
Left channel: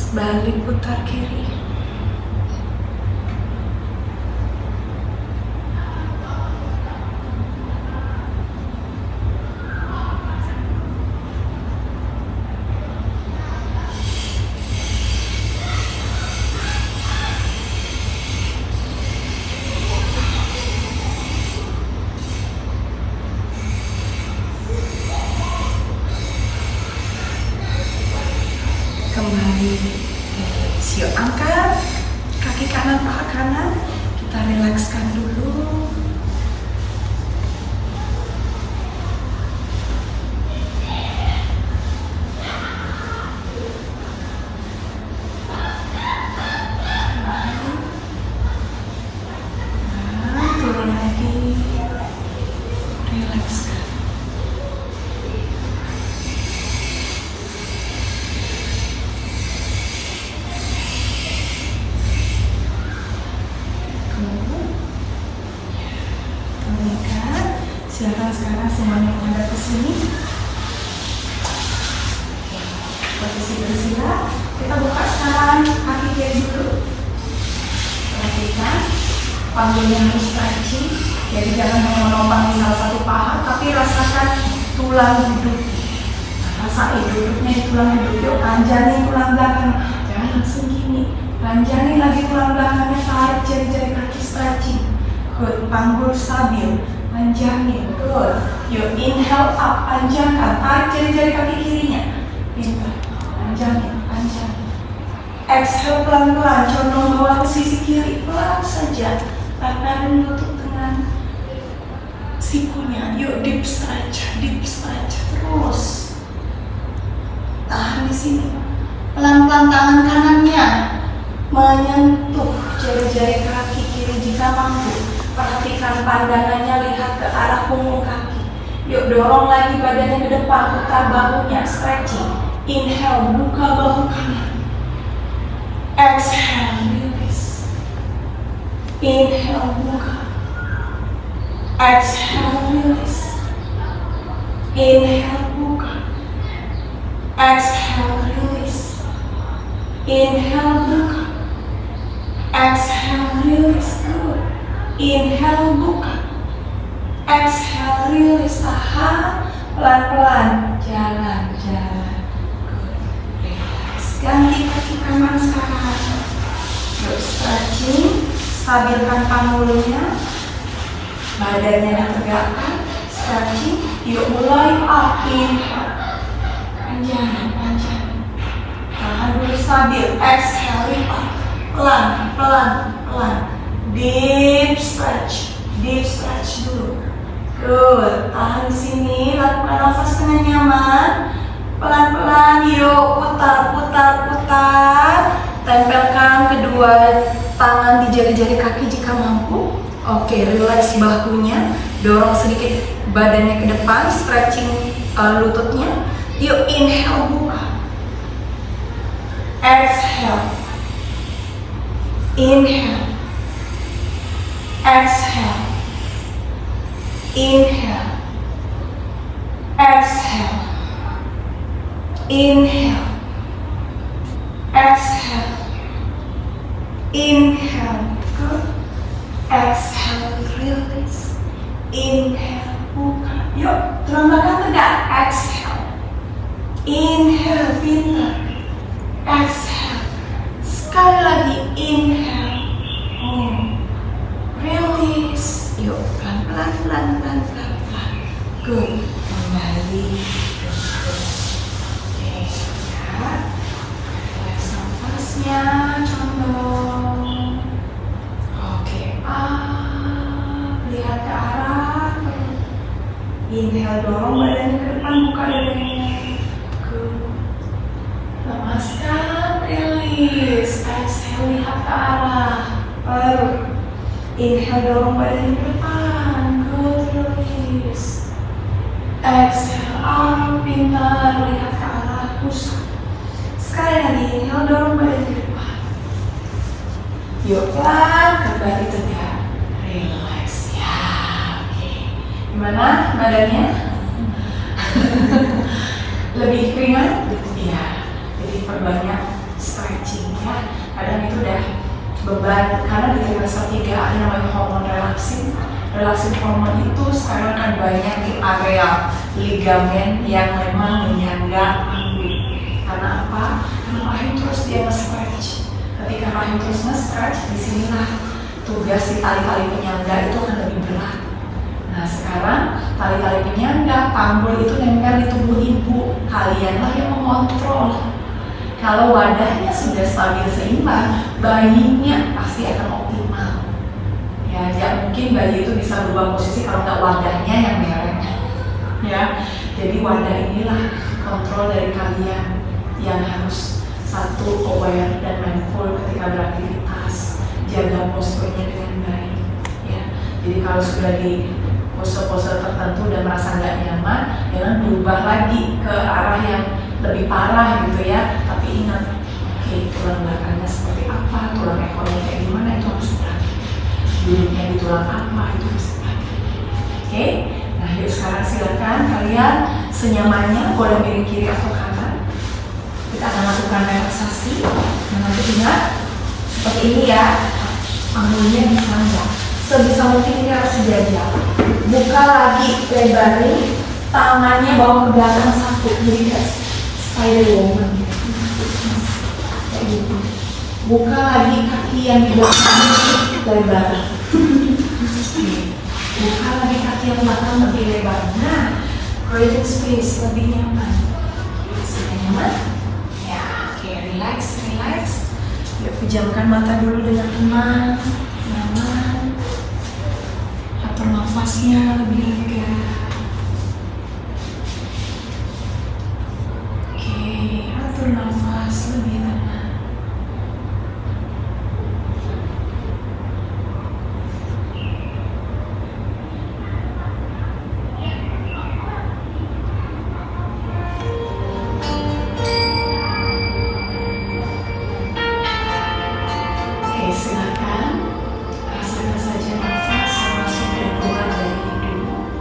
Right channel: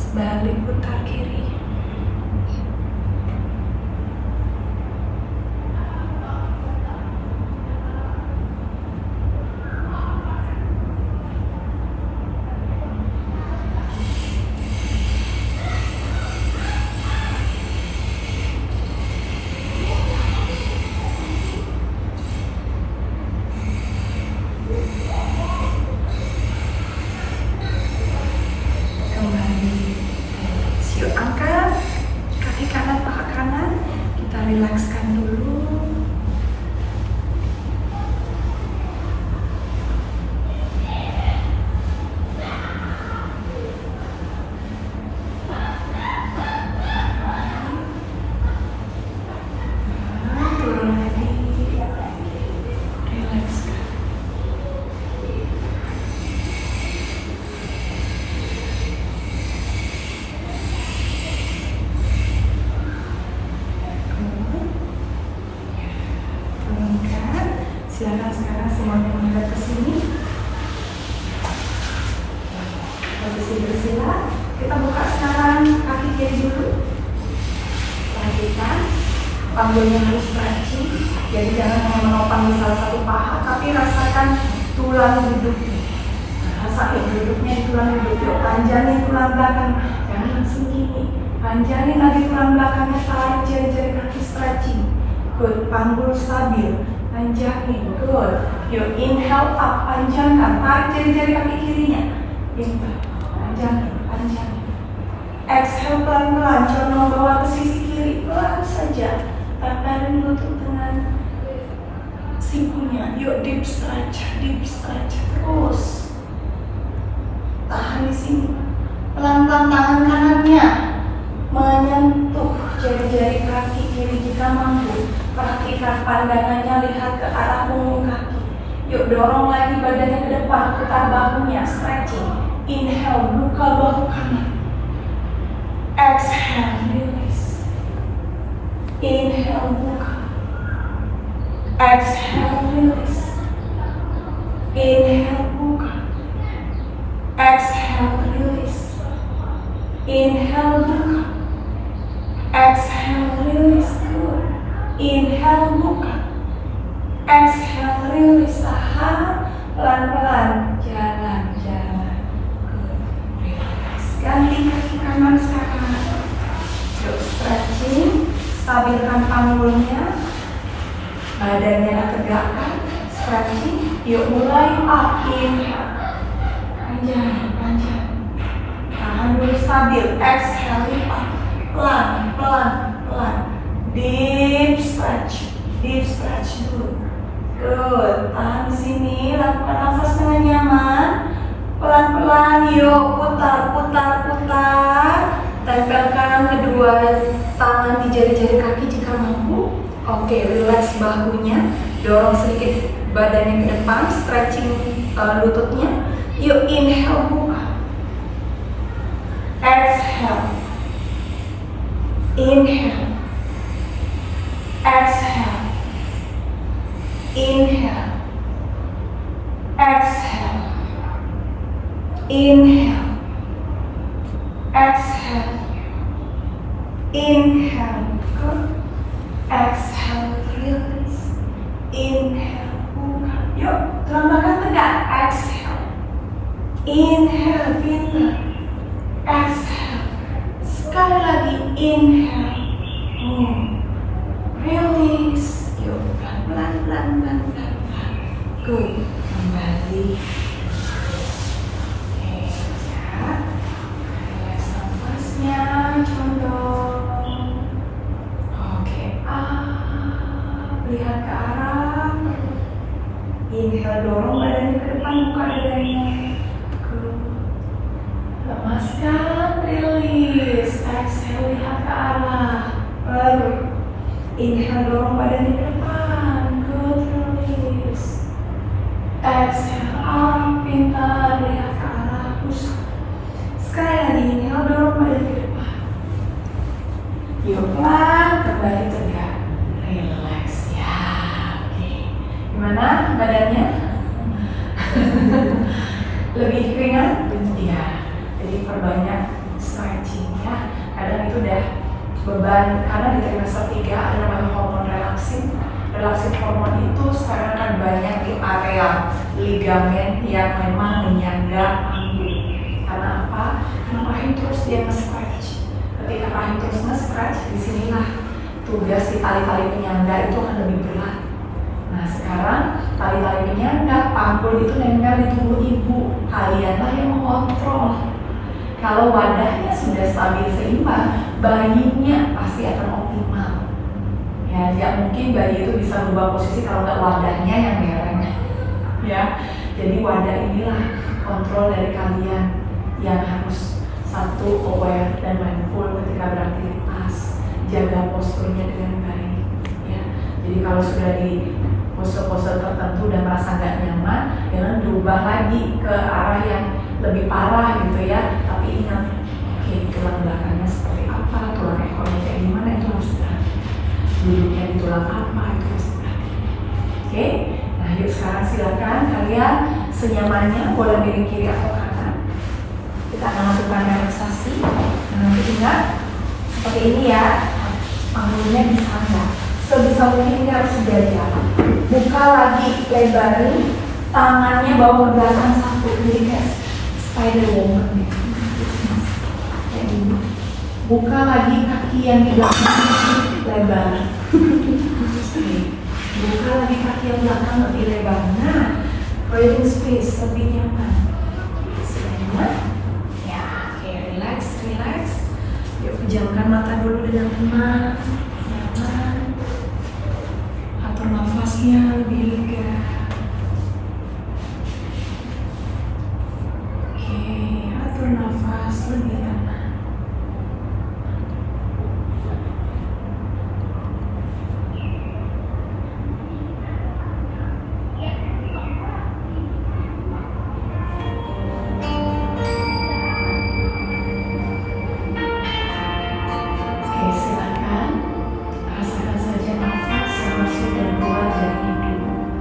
Balik, putar kiri. Yuk, angkat kaki kanan, paha kanan. Kita rilekskan dulu. Turun lagi. Rilekskan. Silakan sekarang semuanya menghadap ke sini. Posisi bersila. Kita buka sekarang kaki kiri dulu. Perhatikan panggulnya harus stretching. Jadi jangan menopang di salah satu paha, tapi rasakan tulang duduknya. Rasakan duduknya di tulang duduk. Yuk, panjangin tulang belakang. Jangan langsung gini. Panjangin lagi tulang belakangnya. Tarik jari-jari kaki stretching. Good, panggul stabil. Panjangin, good. Yuk, inhale up, panjangkan. Tarik jari-jari kaki kirinya. Pintar, panjangin, panjangin. Exhale pelan-pelan, condong bawah ke sisi kiri, pelan saja. Tangan menutup dengan sikunya. Yuk, deep stretch, terus. Tahan di sini. Pelan-pelan tangan kanannya menyentuh jari-jari kaki kiri jika mampu. Perhatikan pandangannya, lihat ke arah punggung kaki. Yuk, dorong lagi badannya ke depan, putar bahunya, stretching. Inhale, buka bahu kanan. Exhale, release. Inhale, buka. Exhale, release. Inhale, buka. Exhale, release. Inhale, buka. Exhale, release. Good. Inhale, buka. Exhale, release. Tahan. Pelan-pelan. Jalan. Good. Relax. Ganti kaki kanan sekarang. Yuk, stretching. Stabilkan panggulnya. Badannya ditegakkan. Stretching. Yuk, mulai up. Inhale. Panjang. Tahan dulu stabil. Exhale, lipat. Pelan. Deep stretch dulu. Good. Tahan di sini. Lakukan nafas dengan nyaman. Pelan-pelan. Yuk, putar. Tempelkan kedua tangan di jari-jari kaki jika mampu. Oke, relax bahunya. Dorong sedikit badannya ke depan. Stretching lututnya. Yuk, inhale, buka. Exhale. Inhale. Exhale. Inhale. Exhale. Inhale. Exhale. Inhale. Good. Exhale. Release. Inhale. Buka. Yuk, tulang belakang tegak. Exhale. Inhale. Pintar. Exhale. Sekali lagi. Inhale. Release. Yuk, pelan-pelan. Good. Kembali. Oke, ya. Relax nafasnya, condong. Oke, lihat ke arah. Inhale, dorong badannya ke depan, buka dadanya. Good. Lepaskan, release. Exhale, lihat ke arah. Baru. Inhale, dorong badannya ke depan. Good, release. Exhale, pintar. Lihat ke arah pusat. Sekali lagi, inhale, dorong badan ke depan. Yuk, pelan, kembali tegak. Relax, ya. Oke. Gimana badannya? Lebih ringan? Iya. Jadi perbanyak stretching ya. Kadang itu udah beban karena di trimester 3 ada namanya hormon relaksin. Relaksin hormon itu sekarang kan banyak di area ligamen yang memang menyangga panggul. Karena apa? Karena rahim terus dia nge-stretch. Ketika rahim terus nge-stretch, disinilah tugas si tali-tali penyangga itu akan lebih berat. Nah sekarang tali-tali penyangga panggul itu nempel di tubuh ibu. Kalianlah yang mengontrol. Kalau wadahnya sudah stabil seimbang, bayinya pasti akan optimal. Ya, mungkin bayi itu bisa berubah posisi kalau nggak wadahnya yang mereng. Ya, jadi wadah inilah kontrol dari kalian yang harus satu aware dan mindful ketika beraktivitas, jaga posturnya dengan baik. Ya, jadi kalau sudah di pose-pose tertentu dan merasa nggak nyaman, jangan berubah lagi ke arah yang lebih parah gitu ya. Tapi ingat, oke, tulang belakangnya seperti apa, tulang ekornya kayak gimana, itu harus dilatih. Duduknya di tulang apa, itu harus dilatih. Oke, nah yuk sekarang silakan kalian senyamannya, boleh miring kiri atau kanan. Kita akan lakukan relaksasi. Nanti ingat, seperti ini ya, panggulnya disangga. Sebisa mungkin ini harus sejajar. Buka lagi, lebarin tangannya bawa ke belakang satu, jadi kayak spider woman. Buka lagi kaki yang di belakang lebar. Buka lagi kaki yang belakang lebih lebar. Nah, breathing space lebih nyaman. Sudah nyaman? Ya, oke, relax. Yuk pejamkan mata dulu dengan tenang, nyaman. Atur nafasnya lebih lega. Oke, atur nafas lebih tenang. Silakan rasakan saja nafas yang masuk dan keluar dari hidung.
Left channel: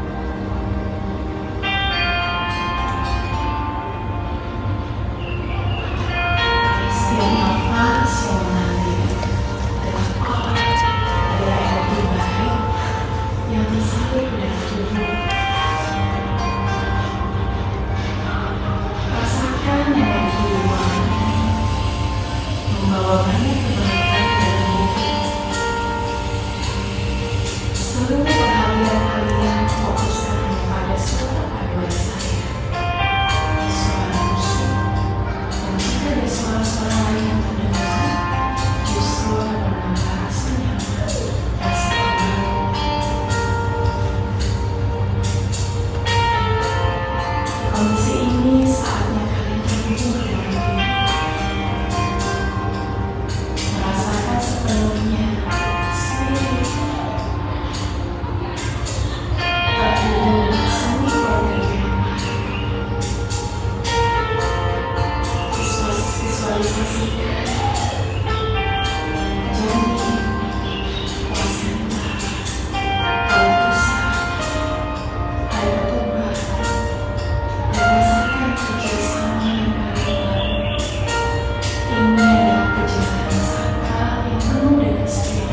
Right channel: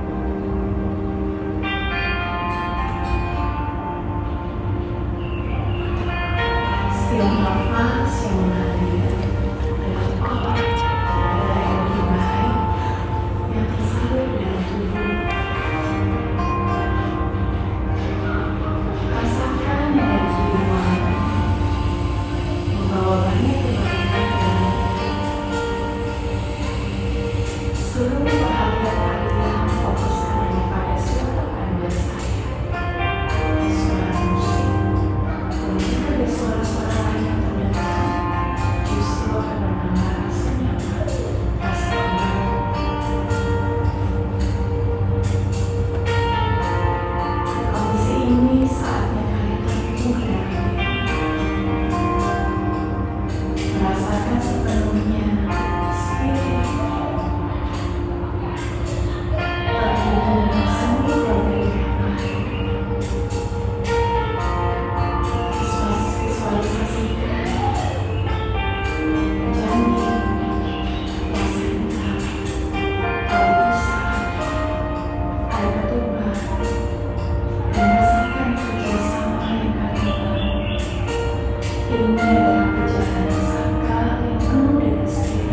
ini adalah perjalanan sangka yang penuh dengan setia.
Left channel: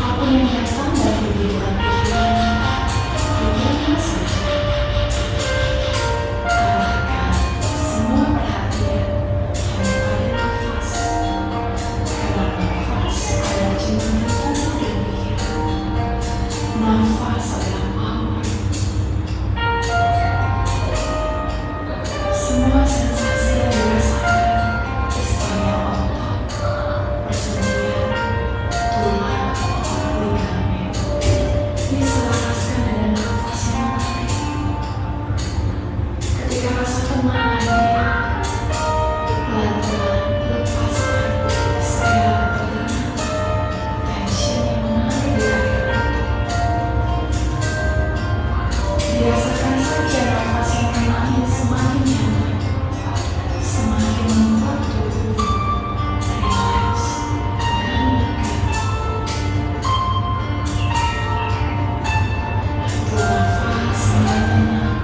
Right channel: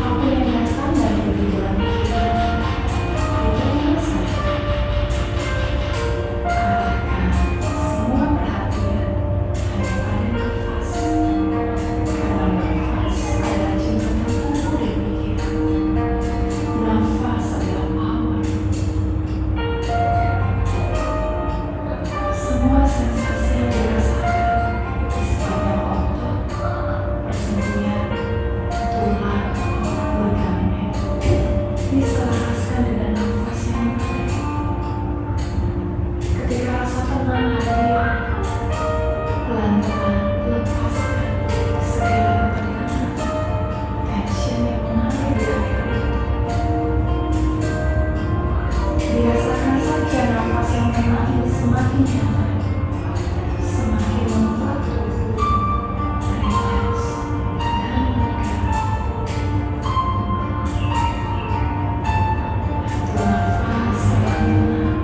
Apapun yang datang dalam kehidupan kita, biarkan saja. Arahkan semua perhatian hanya pada nafas. Karena nafas adalah cinta yang tumbuh dan berkira. Nafas adalah power. Semua sensasi yang dirasakan di sepanjang otot, persendian, tulang, ligamen diselaraskan dengan nafas yang menarik. Ketika rasa tenang hadir, pelan-pelan lepaskan segala ketegangan, tension yang mengalir di akhir. Biasakan saja nafas yang mengalir semakin nyaman, semakin membuat tubuh rileks dan lega. Nafas yang tenang,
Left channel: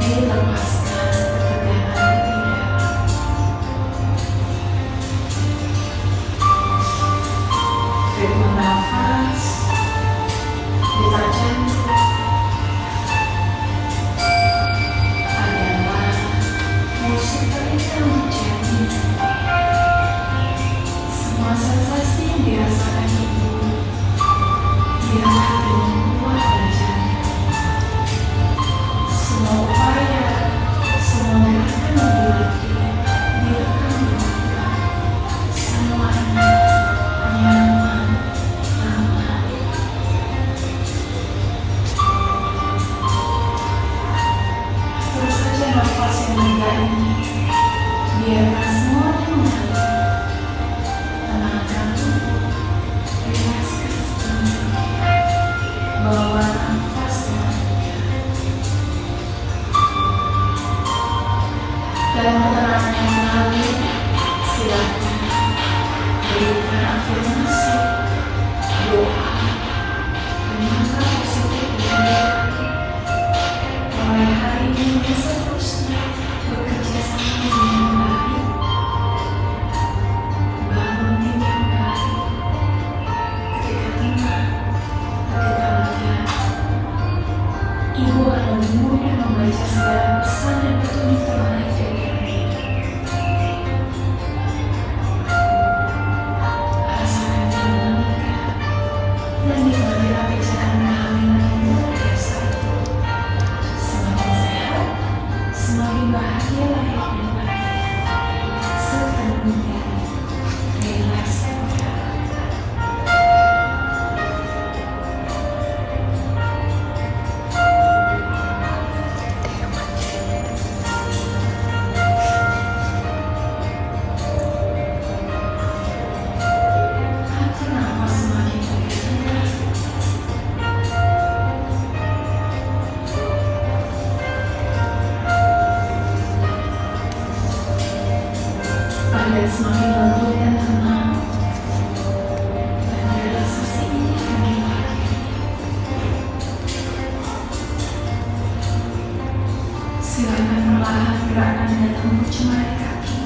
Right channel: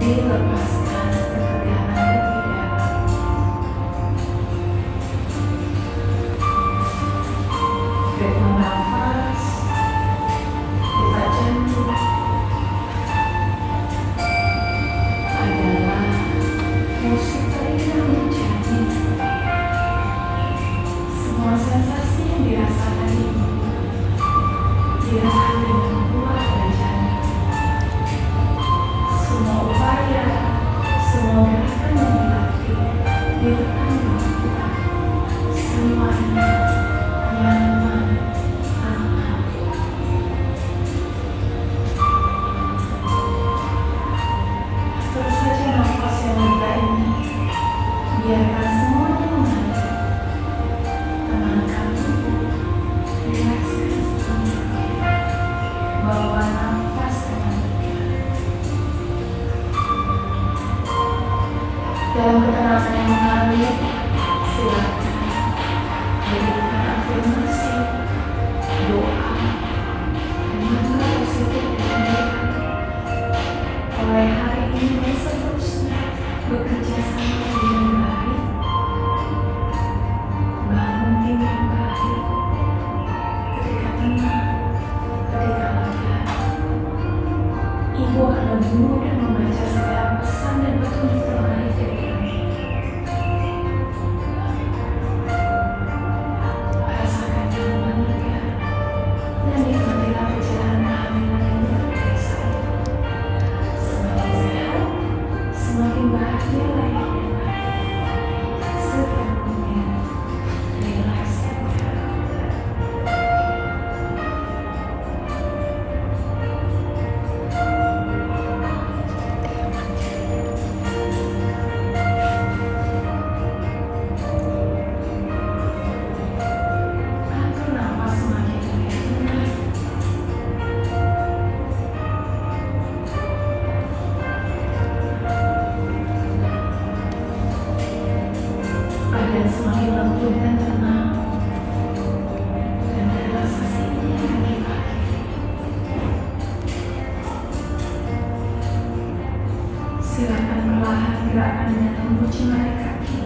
dilepaskan ketegangan di dada. Ritme nafas, detak jantung adalah musik terindah menjadi. Semua sensasi yang dirasakan itu diangkat dengan kuat dan jangan. Semua upaya, semua gerakan yang dilatih, biarkan dilakukan. Semuanya nyaman, aman. Atur saja nafas yang lega ini. Biarkan semuanya mengalir. Tenangkan tubuh, rilekskan semuanya. Bawa nafas dengan lega. Dalam ketenangan yang mengalir, silakan berikan afirmasi, doa, dan mantra positif dengan diri. Mulai hari ini dan seterusnya bekerja sama dengan baik, bangun tim yang baik. Ketika tenang, ketika lega, ibu akan lebih mudah membaca segala pesan dan petunjuk terbaik dari kami. Rasakan nyaman lega dan nikmatilah perjalanan kehamilan yang luar biasa. Semakin sehat, semakin bahagia lahir dan batin. Sepenuhnya rilekskan jalan. Atur nafas semakin lega. Badan semakin lentur dan tenang, dan relaksasi ini akan dipakai. Silakan perlahan gerakan dengan lembut jemari kaki.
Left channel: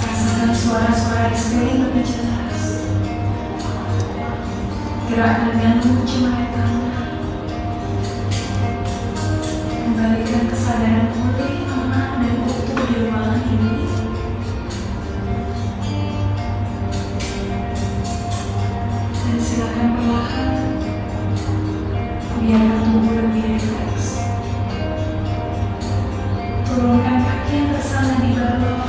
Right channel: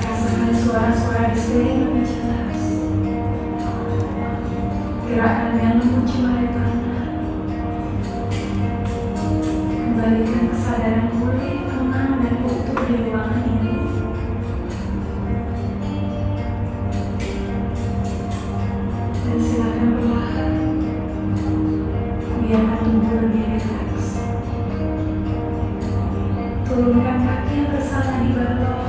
Rasakan suara-suara di sekeliling lebih jelas. Gerakan dengan lembut jemari kanan. Kembalikan kesadaran pulih, tenang, dan utuh di ruangan ini. Dan silakan perlahan biarkan tubuh lebih rileks. Turunkan kaki yang bersandar di bawah,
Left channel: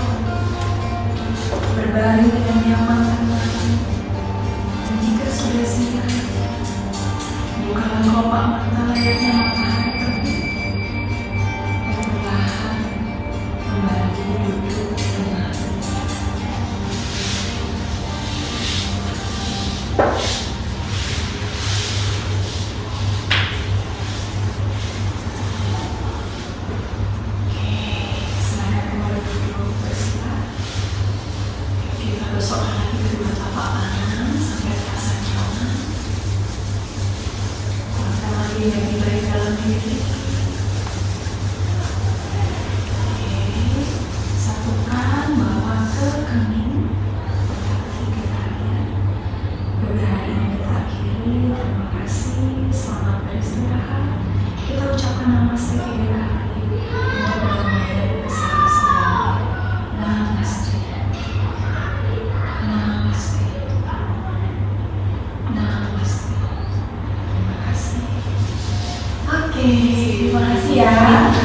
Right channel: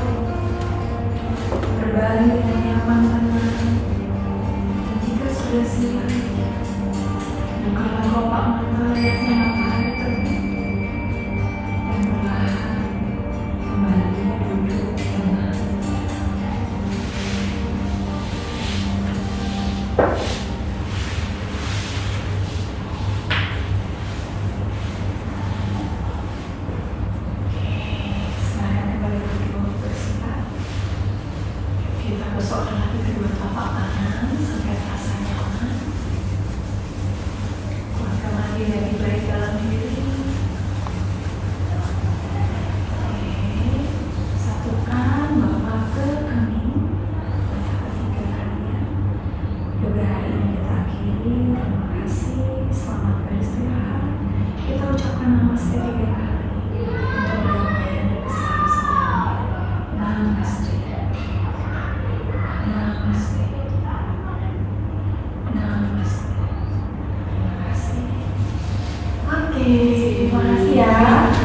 berbaring dengan nyaman dan tenang. Dan jika sudah siap, bukalah kelopak mata layaknya matahari terbit. Dan perlahan kembali duduk tenang. Silakan kembali duduk bersetar. Kita gosokkan lagi kedua tapak tangan sampai terasa nyaman. Kuatkan lagi dari dalam diri.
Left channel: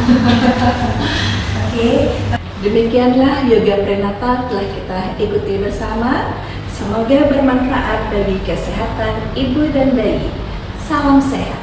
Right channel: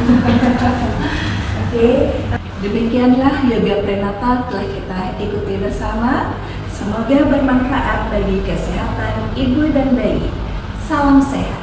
Oke. Demikianlah yoga prenatal telah kita ikuti bersama. Semoga bermanfaat bagi kesehatan ibu dan bayi. Salam sehat.